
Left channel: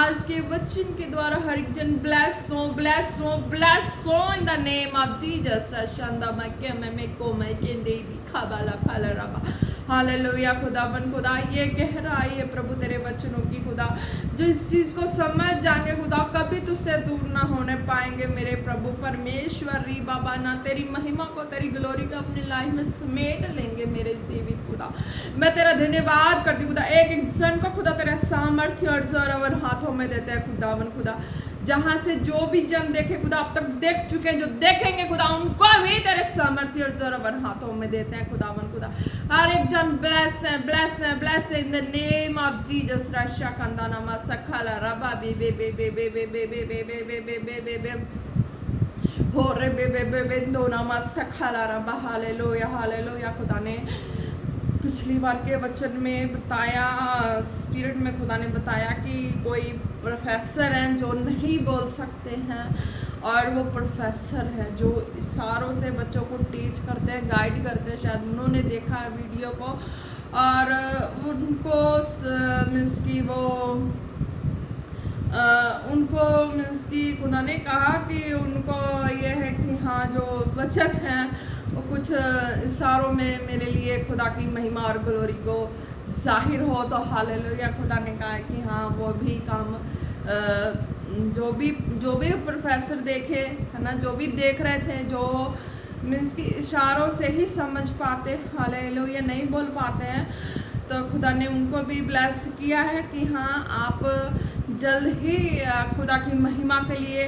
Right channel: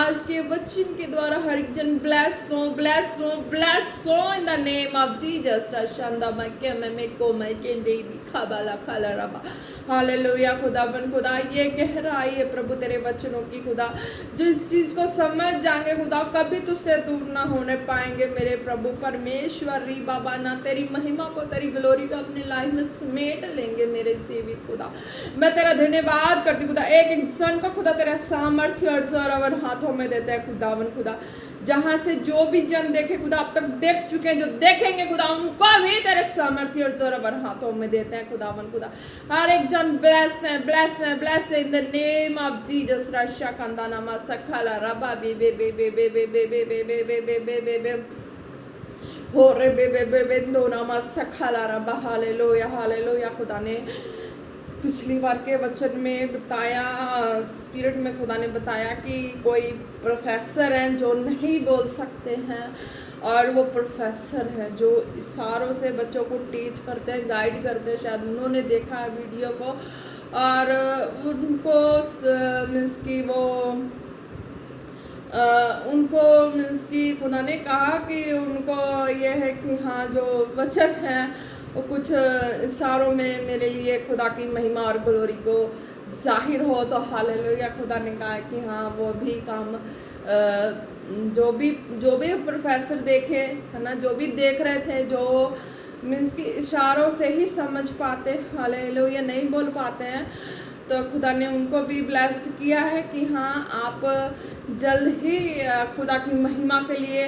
आज के वचन के द्वारा हर एक जन ब्लेस हो, ब्लेस हो, ब्लेस हो in the name of Jesus. रशांदा मक्के में को मैं केंदे भी खाबाला खाला रबा, हालेलुया। खुदावन खुदा ये गहराई है प्रभु तेरे वचनों की, खुदा जिस चीज़ को समझ जाएंगे खुदा कभी तुझसे दूर ना होने पाएंगे मेरे प्रभु परमेश्वर। री बाबा ना तेरी महिमा को तेरी ग्लोरी को अपनी लाइफ में समेट लेंगे मेरे सेवित खुदा। मैं तेरा धन्यवाद करती खुदा, एक एक जन को खुदा तेरा सामर्थ्य और जोरावर हाथों में देते हैं खुदावन खुदा, जहाँ से जो भी जन देखे खुदा अब तक देख चुके हैं, जो देखेंगे खुदा उनको भी तेरे सामर्थ्य और जोरावर हाथों में देते हैं खुदावन खुदा। हर एक जन ब्लेस है, ब्लेस है, ब्लेस है in the name of Jesus. रशा कंदा नामा सखाला रबा बे बे बे बे बे बे बे बे बे बे बे बे बे बे बे हो रे बे बे बे बे दो नामा सखाला रबा, हालेलुया, हालेलुया। खुदा ने पिछली बार के वचन में बताया, स्पिरिट में खुदा ने बताया कि कोई प्रोफेसर हैं जो नहीं बोल सकते हैं, और वो प्रोफेसर हैं जो इशारों से बच्चों को टीच करते हैं, गाइड करते हैं। शायद उन्होंने देखा है वीडियो को और उनको मीन्स की वो उनको मीन्स की खुदा ने कहा कि उनको ये है कि हाँ जो वचन है वो कुछ इशारों में मेरे लिए खुदा की महिमा और ग्लोरी को जाहिर हो। तो हालेलुया, खुदा ने कहा कि हाँ वो भी काम जो भी प्रोफेसर देखे है ना, जो भी देख रहे थे, जो मीन्स की इशारों से ही समझ पाते, हालेलुया, नहीं बोल पाते हैं, तो खुदा ने उनको भी ब्लेस किया है कि हाँ आप जल्द ही खुदा की महिमा के लिए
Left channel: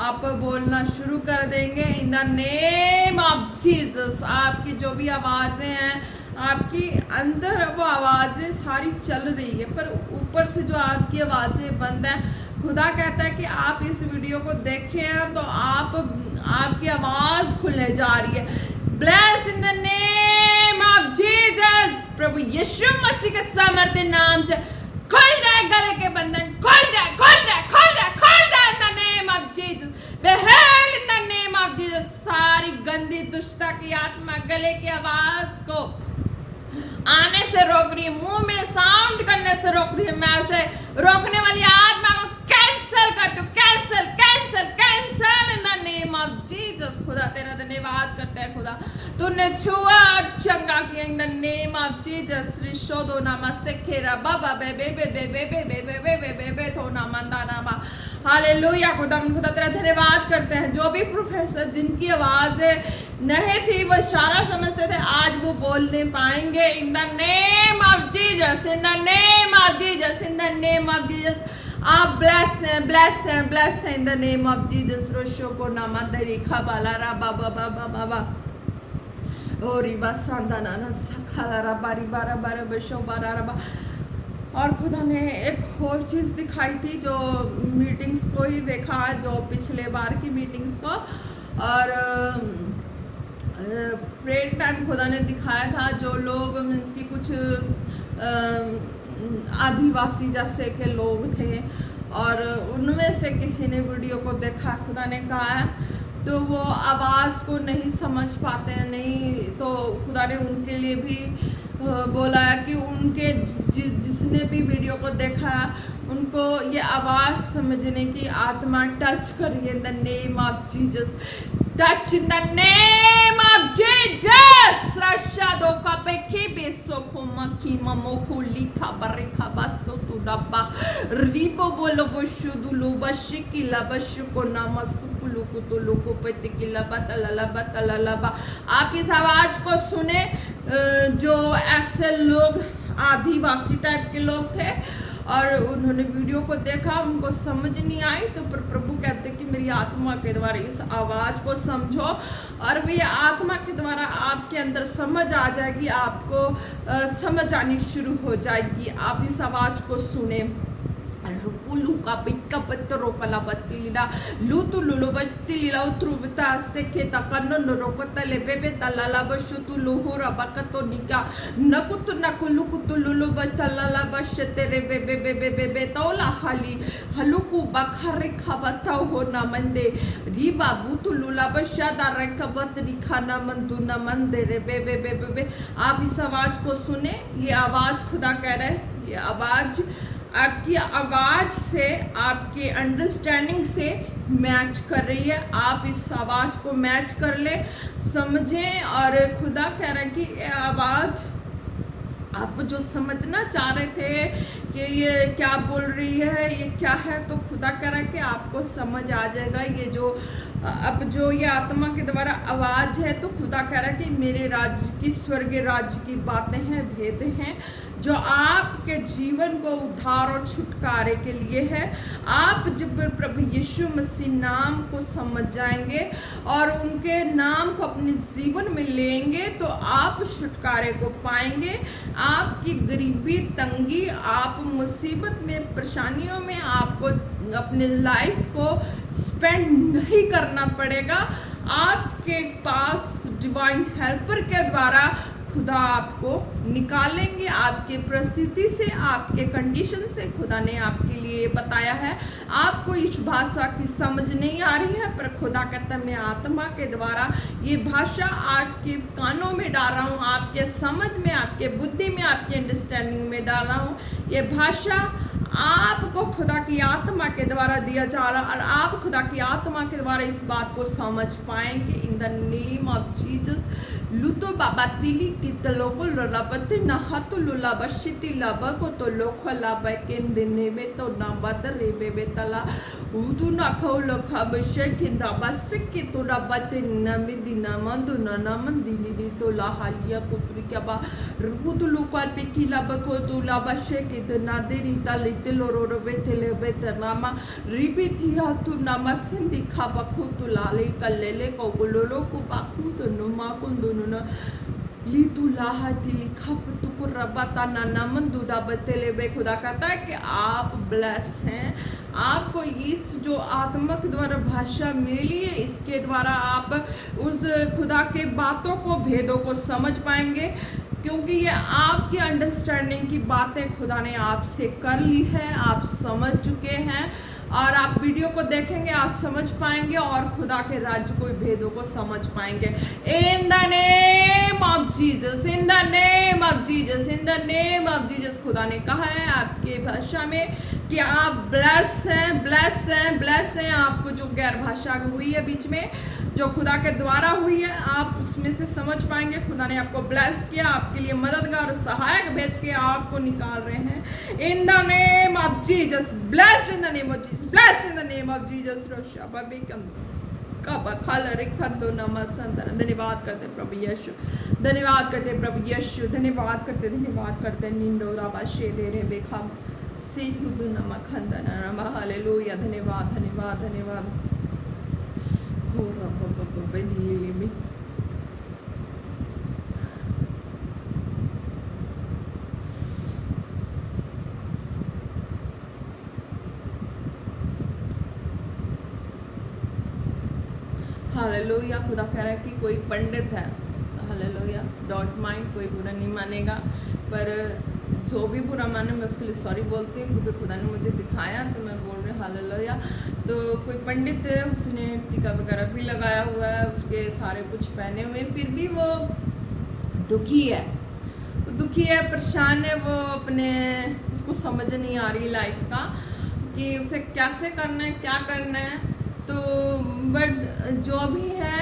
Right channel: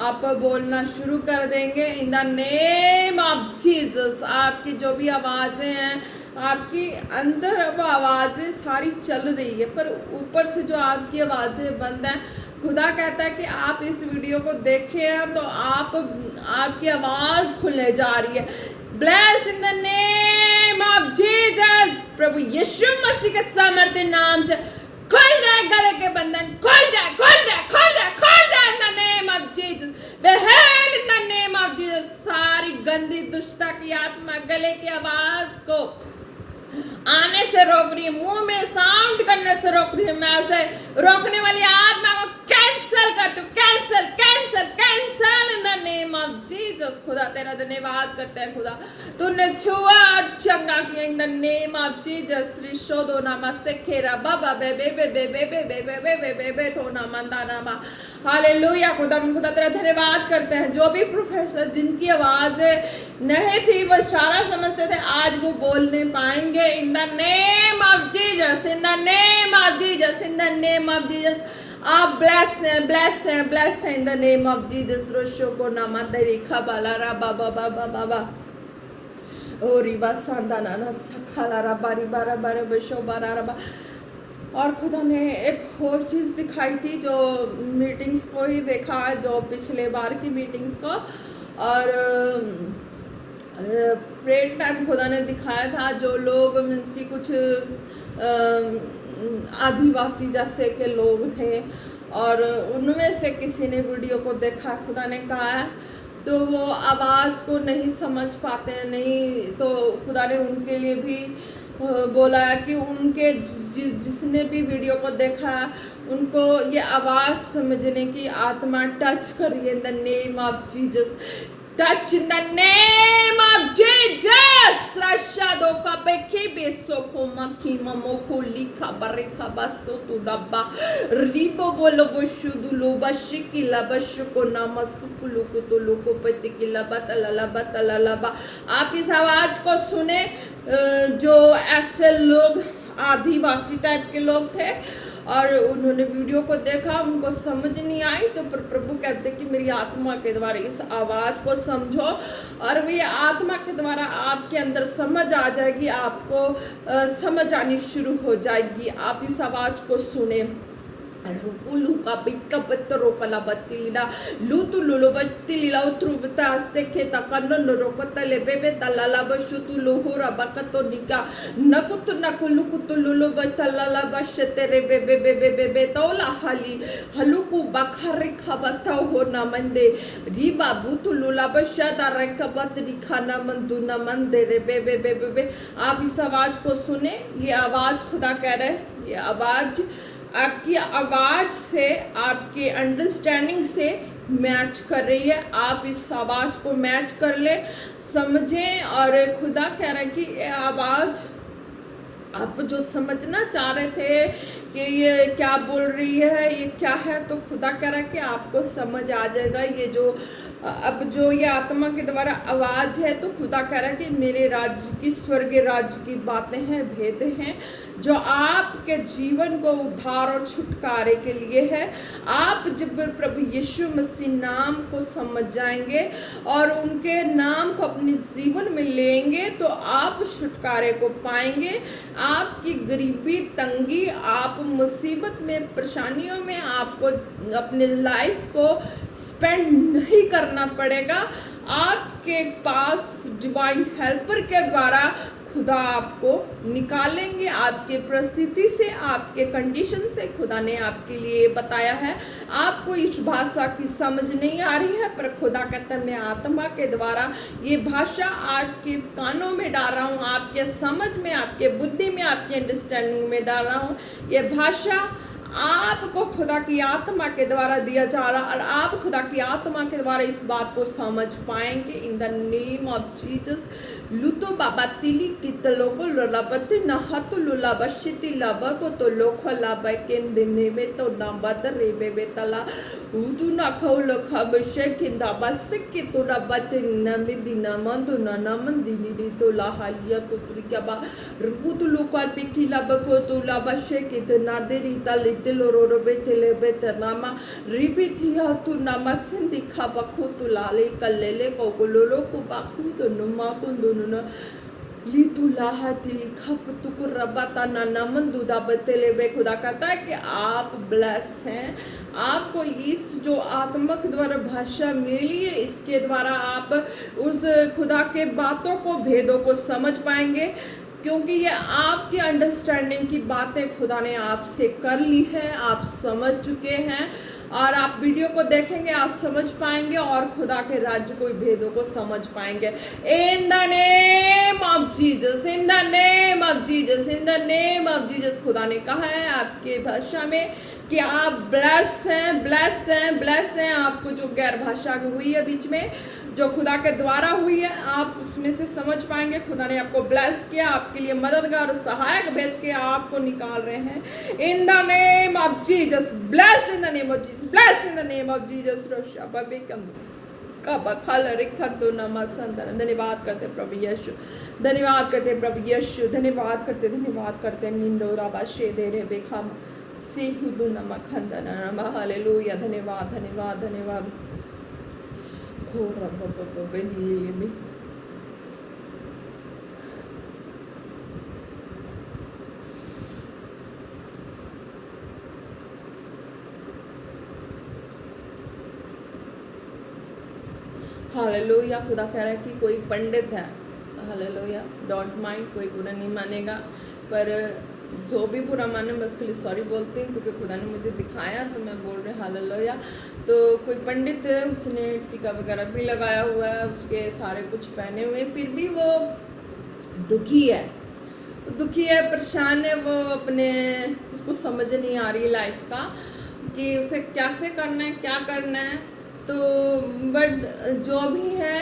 आप बोलना शुरू कर देंगे इन द नेम ऑफ जीसस। आपकी जो भी आवाज़ें हैं, आपकी अंदर वो आवाज़ें सारी चल रही है, पर ऊपर से जो आपकी आवाज़ें बंद है, खुदा कहता है कि आप इस वीडियो को देखें हैं तो आपकी आवाज़ खुलने जा रही है। Bless in the name of Jesus. प्रभु यीशु मसीह के सामर्थ्य नाम से खुल जाए गले के बंधन, खुल जाए in the name of Jesus. बेहेल in the name of Jesus. सारी गंदी दुष्टता की आत्मा गले की आवाज को आने से रोक रही है, मुंह में साउंड करने से रोक रही है। मैं उसे रोकने वाली आत्मा को कैंसल कर दूं, cancel in the name of Jesus. खुदा तेरा धन्यवाद करते हैं, खुदा तूने छुआ और चंगा किया in the name of Jesus. रिशोदो नामा सेखेरा बाबा बेबे बेबे बेबे बेबे बेबे बेबे तो नामंदा नामा। हालेलुया, खुदा तेरा धन्यवाद करते हैं। जो भी प्रोफेसर जिनकी आवाज नहीं थी, वो इशारा समझते थे, आज वो बोलने पाएंगे in the name of Jesus, in the name of Jesus, in the name of Jesus. आप ब्लेस हैं in the name of Jesus. रोशो को नामा दरीखा बाला रा बाबा बाबा बाबा ओ रिबा सांदा नाना सखाला रा बारी बारा बारा बशो बारा रा। और खुदा ने एक और चीज़ दिखाई थी, जो मीटिंग्स को ही देखा, जो पिछले बार की मीटिंग्स को, और प्रेयर टाइम खुदा ने दिखाया था जो लोग मीन्स की कुछ आदिवासी जैसे के लोग थे, और उनमें से किसी ने वीडियो को देखा, खुदा ने कहा है तो वो आवाज़ को नहीं समझ पाते हैं, नहीं, तो खुदा ने उनके लिए भी बोला है कि उनके जिसने भी वीडियो को देखा उनको ये आवाज़ समझने की आत्मा टच करिए in the name of Jesus. Touch in the name of Jesus. रशादो का बेके बेसो को मकी ममो को लिखा बरेखा बसो तू डब्बा रिबो बोलो बशु दुलो बशी किला बशु को नामसुकुलु को तो लोको पति किला बतला बा। आप इस आवाज़ को सुने, जो ऐसे लोग आदिवासी टाइप के लोग थे और उन्होंने वीडियो को देखा, उनको समझ नहीं आई, तो प्रभु कहते कि मेरी आत्मा के द्वारा इस आवाज़ को समझो, और वो ये आत्मा के द्वारा आपके अंदर समझ आ जाएगी, आपको समझ आनी शुरू हो जाएगी। आप इस आवाज़ को सुने। Luka bika petro kala batilila lutu lulo batilila utrubita seketa kanono rokota lebebe talala bashutu luhura bakato nika nakutu nakulukutu lulo batalala bashetere bebe bebe bebe tola hali haluku bakhare khabata ho namande riba butu lula bashada rekabat dikhana manduna mandere bebe bebe। आप इस आवाज को सुने। ये आवाज खुदा कह रहे हैं, ये आवाज आपकी आवाज़ से, आपके अंडरस्टैंडिंग से मैच कर रही है। आप इस आवाज़ को मैच कर ले, समझें। और खुदा कह रहा है कि आवाज़ आप जो समझना चाह रहे थे कि ये क्या बोल रही है, ये क्या है, तो खुदा कह रहा है कि आपको समझ आ जाएगा। ये जो अब जो ये आत्मा के द्वारा आवाज़ है, तो खुदा कह रहा है कि मेरे राज्य की, स्वर्गीय राज्य की बातें हैं, भेद हैं, जो आपके जीवन को उद्धार और छुटकारे के लिए है। आप जब प्रभु यीशु मसीह नाम को समझ जाएंगे और उनके नाम को अपने जीवन में लेंगे, तो आप छुटकारे को पाएंगे। आपकी गरीबी, तंगी, आप मुसीबत में, परेशानियों में आपको अपने लाइफ को स्पेंड नहीं करना पड़ेगा। आपके पास डिवाइन हेल्पर के द्वारा खुदा आपको निकालेंगे आपके परिस्थिति से, आपके कंडीशन से। खुदा ने आपके लिए बताया है, आपको इस भाषा की समझ नहीं आ रही है, पर खुदा कहता है मैं आत्मा के द्वारा ये भाषा आपके कानों में डाल रहा हूँ, आपके समझ में, आपके बुद्धि में, आपके अंडरस्टैंडिंग में डाल रहा हूँ। ये भाषा आपको खुदा की आत्मा के द्वारा दिया जा रहा, और आप खुदा की आत्मा के द्वारा इस बात को समझ पाएंगे। In the name of Jesus. लुतो बाबा तिली कितलो को लोलाबती नहातो लोलाबशिति लाबा को तो लोखा लाबा के दिने में तो नाबाद रेबे बेतला उदु ना खाओ लोखा बशे किंदा बस के तो रबते नमी दिना मंदु ना नमन दिनी तो लाहालिया को त्रिकबा रुदु लोकाल पे किला बको तो लाबशे के तो नादे रीता लेते लोरो बेतले बेतनामा रिबी थिया तो नमसन दिखा बको तो लाले कल्लेले को गोलोलो को बाकू तो नुमा को खुदा कहता है कि आप ब्लेस हैं। आपको इस जो आत्मा के द्वारा भाषा मिली है, इसके द्वारा आप उस खुदा के बातों को, भेदों को समझ पाएंगे, क्योंकि ये आपकी अंडरस्टैंडिंग की बातें खुदा ने आपसे कर ली है, आप समझ चुके हैं। और आप वीडियो को देखेंगे, आप समझ पाएंगे और खुदा के राज्य को, भेदों को समझ पाएंगे। In the name of Jesus, in the name of Jesus, in the name of Jesus. खुदा ने कहा है आपके भाषा में कि आप ब्लेस हैं, ब्लेस हैं, ब्लेस हैं। आपको जो गैर भाषा हुई है बीच में, जो खुदा के द्वारा हुई है, आप उसमें से समझ पाएंगे। खुदा ने आपको ब्लेस किया, आपके लिए मददगार और सहायक भेज के आपको निकाल रहे हैं। In the name of Jesus, bless in the name of Jesus, bless in the name of Jesus. धन्यवाद करते प्रभु यीशु, धन्यवाद करते प्रभु यीशु, धन्यवाद करते, धन्यवाद करते। निंदोरा बाशे दे रे बेखा से हुदु नमक खंदन हालेलुया। धन्यवाद, धन्यवाद, धन्यवाद। हालेलुया। खुदा कह रहा है कि कोई पंडित है, हालेलुया, डोंट माइंड, कोई बुरा नहीं मानेगा, पर जो भी बुरा माने मैं उसके लिए सॉरी बोलती हूँ, क्योंकि खुदा ने मुझे दिखाया तो मैं बोल रही हूँ हालेलुया। तो कोई पंडित है, उसने टीका वगैरह भी लगाया हुआ है, उसके सारे कुछ पहने हुए, फिर भी वो दुखी है, दुखी है, परेशान है। वो अपने, उसको समझ नहीं आ रही लाइफ का कि उसे कैसे करना है, क्या करना है। तो बट जो भी है,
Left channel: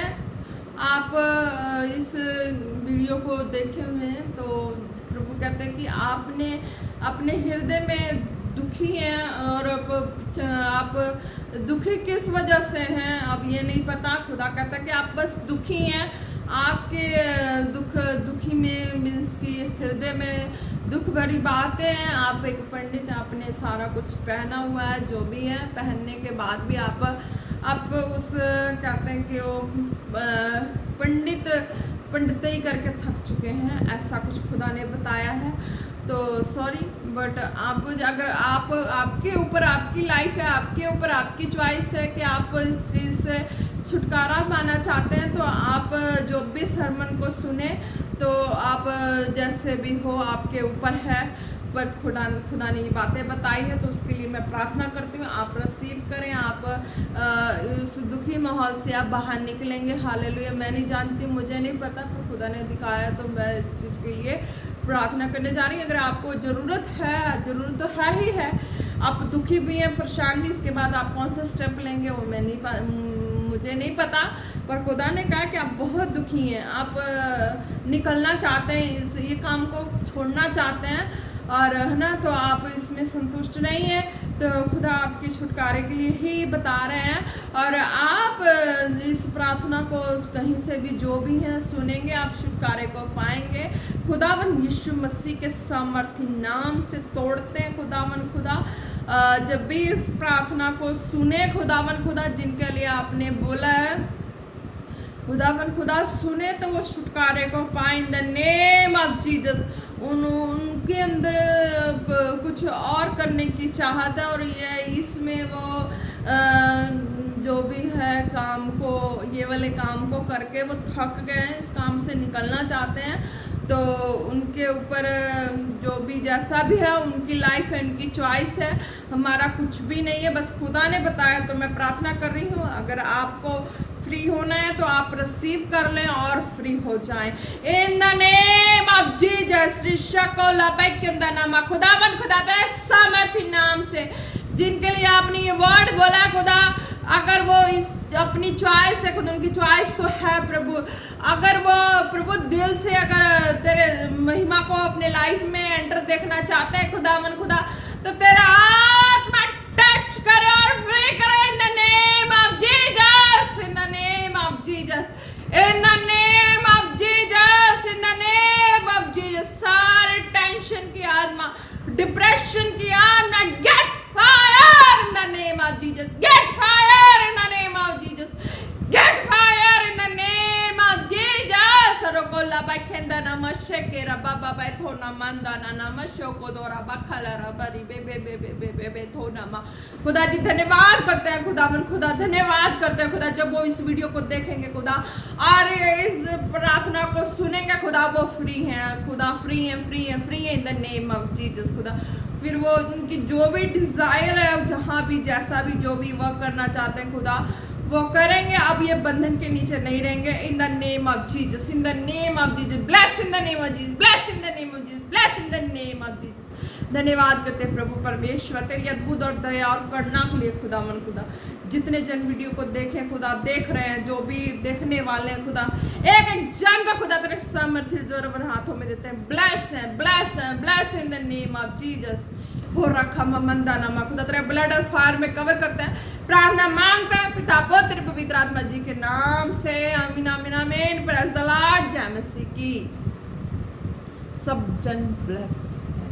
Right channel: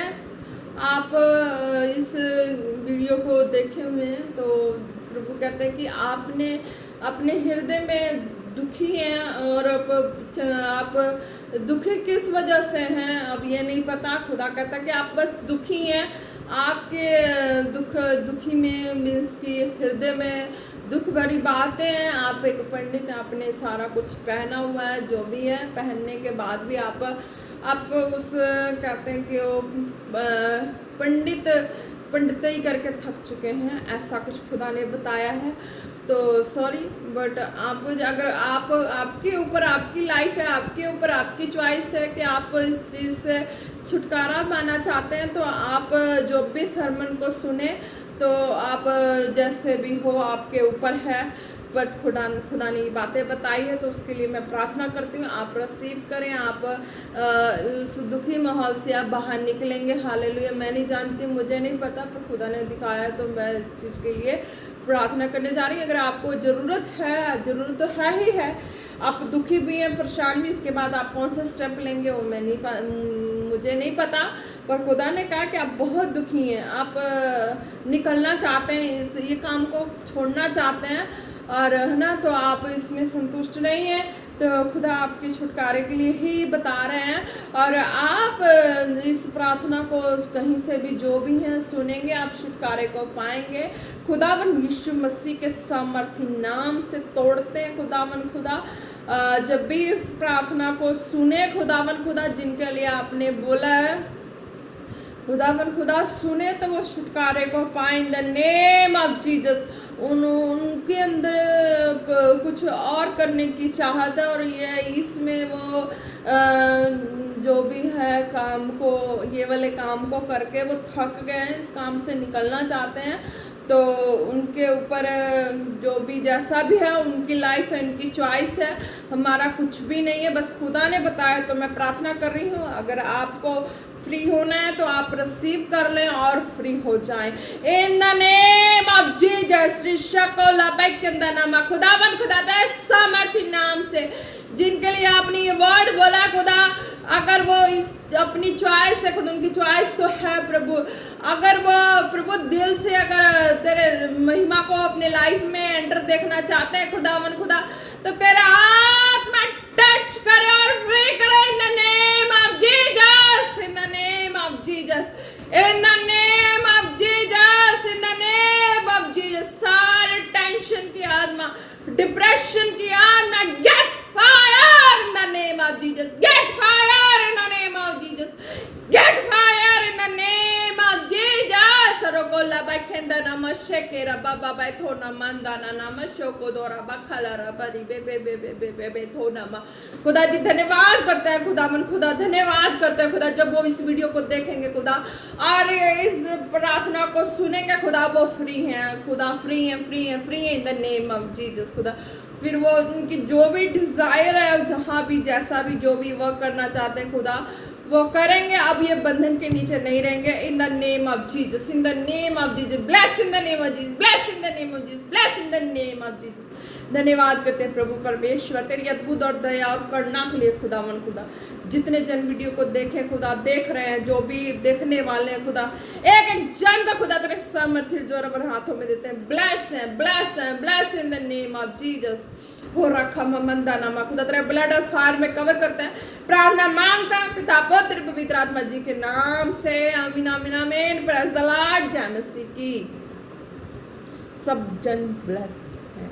आप इस वीडियो को देखे हुए हैं, तो प्रभु कहते हैं कि आपने अपने हृदय में दुखी हैं, और आप दुखी किस वजह से हैं अब ये नहीं पता। खुदा कहता है कि आप बस दुखी हैं, आपके दुखी में मीन्स की हृदय में दुख भरी बातें हैं। आप एक पंडित, आपने सारा कुछ पहना हुआ है, जो भी है, पहनने के बाद भी आप उस कहते हैं कि वो पंडितई करके थक चुके हैं, ऐसा कुछ खुदा ने बताया है। तो सॉरी, बट आप अगर आपके ऊपर आपकी लाइफ है, आपके ऊपर आपकी चॉइस है कि आप इस चीज़ से छुटकारा पाना चाहते हैं, तो आप जो भी सरमन को सुने, तो आप जैसे भी हो आपके ऊपर है, पर खुदा ने ये बातें बताई है, तो उसके लिए मैं प्रार्थना करती हूँ आप रिसीव करें, आप उस दुखी माहौल से आप बाहर निकलेंगे। हालेलुया। मैं नहीं जानती, मुझे नहीं पता, पर खुदा ने दिखाया, तो मैं इस चीज़ के लिए प्रार्थना करने जा रही हूँ। अगर आपको ज़रूरत है, ज़रूरत तो है ही है, आप दुखी भी हैं, परेशान भी, इसके बाद आप कौन सा स्टेप लेंगे वो मुझे नहीं पता, पर खुदा ने कहा कि आप बहुत दुखी हैं, आप निकलना चाहते हैं, ये काम को छोड़ना चाहते हैं, और है ना, तो आप इसमें संतुष्ट नहीं हैं, तो खुदा आपके छुटकारे के लिए ही बता रहे हैं। और आप इस प्रार्थना को कहीं से भी जो भी है सुनेंगे, आप छुटकारे को पाएंगे। खुदावन यीशु मसीह के सामर्थी नाम से तोड़ते हैं खुदावन खुदा। जब भी इस प्रार्थना को सुने खुदावन खुदा, जिनके लिए आपने बोला है खुदावन खुदा, सुने तो वो छुटकारे को पाए इन द नेम ऑफ जीसस। उनके अंदर कुछ और करने की चाहत है, और ये इसमें वो जो भी है काम को, ये वाले काम को करके वो थक गए हैं, इस काम से निकलना चाहते हैं। तो उनके ऊपर जो भी जैसा भी है उनकी लाइफ है, उनकी चॉइस है, हमारा कुछ भी नहीं है, बस खुदा ने बताया। तो मैं प्रार्थना कर रही हूँ अगर आपको फ्री होना है तो आप रिसीव कर लें और फ्री हो जाएं इन द नेम ऑफ जीसस। खुदावन खुदा तेरे सामर्थ्य नाम से जिनके लिए आपने ये वर्ड बोला खुदा, अगर वो इस अपनी चॉइस है खुदा, उनकी चॉइस तो है प्रभु, अगर वो प्रभु दिल से अगर तेरे महिमा को अपने लाइफ में एंटर देखना चाहते हैं खुदावन खुदा, तो तेरा आत्मा टच करे और फ्री करे in the name of Jesus, in the name of Jesus, in the name of Jesus, in the name of Jesus. सारे टेंशन की आत्मा, डिप्रेशन की आत्मा, get fire in the name of Jesus, get fire in the name of Jesus, get fire in the name of Jesus. रोकोला बाखेंदा नमशे के रबा बाबा थोना मंदा ना नमशो को दोरा बखला रबरी बे बे बे बे बे बे बे थोना मा। खुदा जी धन्यवाद करते हैं खुदावन खुदा, धन्यवाद करते हैं खुदा, जब वो इस वीडियो को देखेंगे खुदा और इस प्रार्थना को सुनेंगे खुदा, वो फ्री हैं खुदा, फ्री हैं फ्री हैं फ्री हैं in the name of Jesus खुदा। फिर वो उनकी जो भी डिजायर है, जहाँ भी जैसा भी जो भी वर्क करना चाहते हैं खुदा वो करेंगे, अब ये बंधन के नीचे नहीं रहेंगे इन the name of Jesus, in the name of Jesus, bless in the name of Jesus, bless in the name of Jesus, bless in the name of Jesus. धन्यवाद करते हैं प्रभु परमेश्वर तेरी अद्भुत और दया और करुणा के लिए खुदावन खुदा। जितने जन वीडियो को देखें खुदा, देख रहे हैं, जो भी देखने वाले हैं खुदा, एक एक जन का खुदा तेरे सामर्थ्य जोर पर हाथों में देते हैं। ब्लेस है, ब्लेस है, bless in the name of Jesus. हो रखा मंदा नामा खुदा तेरे ब्लड और फायर में कवर करते हैं। प्रार्थना मांगता है पिता पुत्र पवित्र आत्मा जी के नाम से, आमीन आमीन आमीन। प्रेज द लॉर्ड, जय मसीह की। सब जन ब्लेस।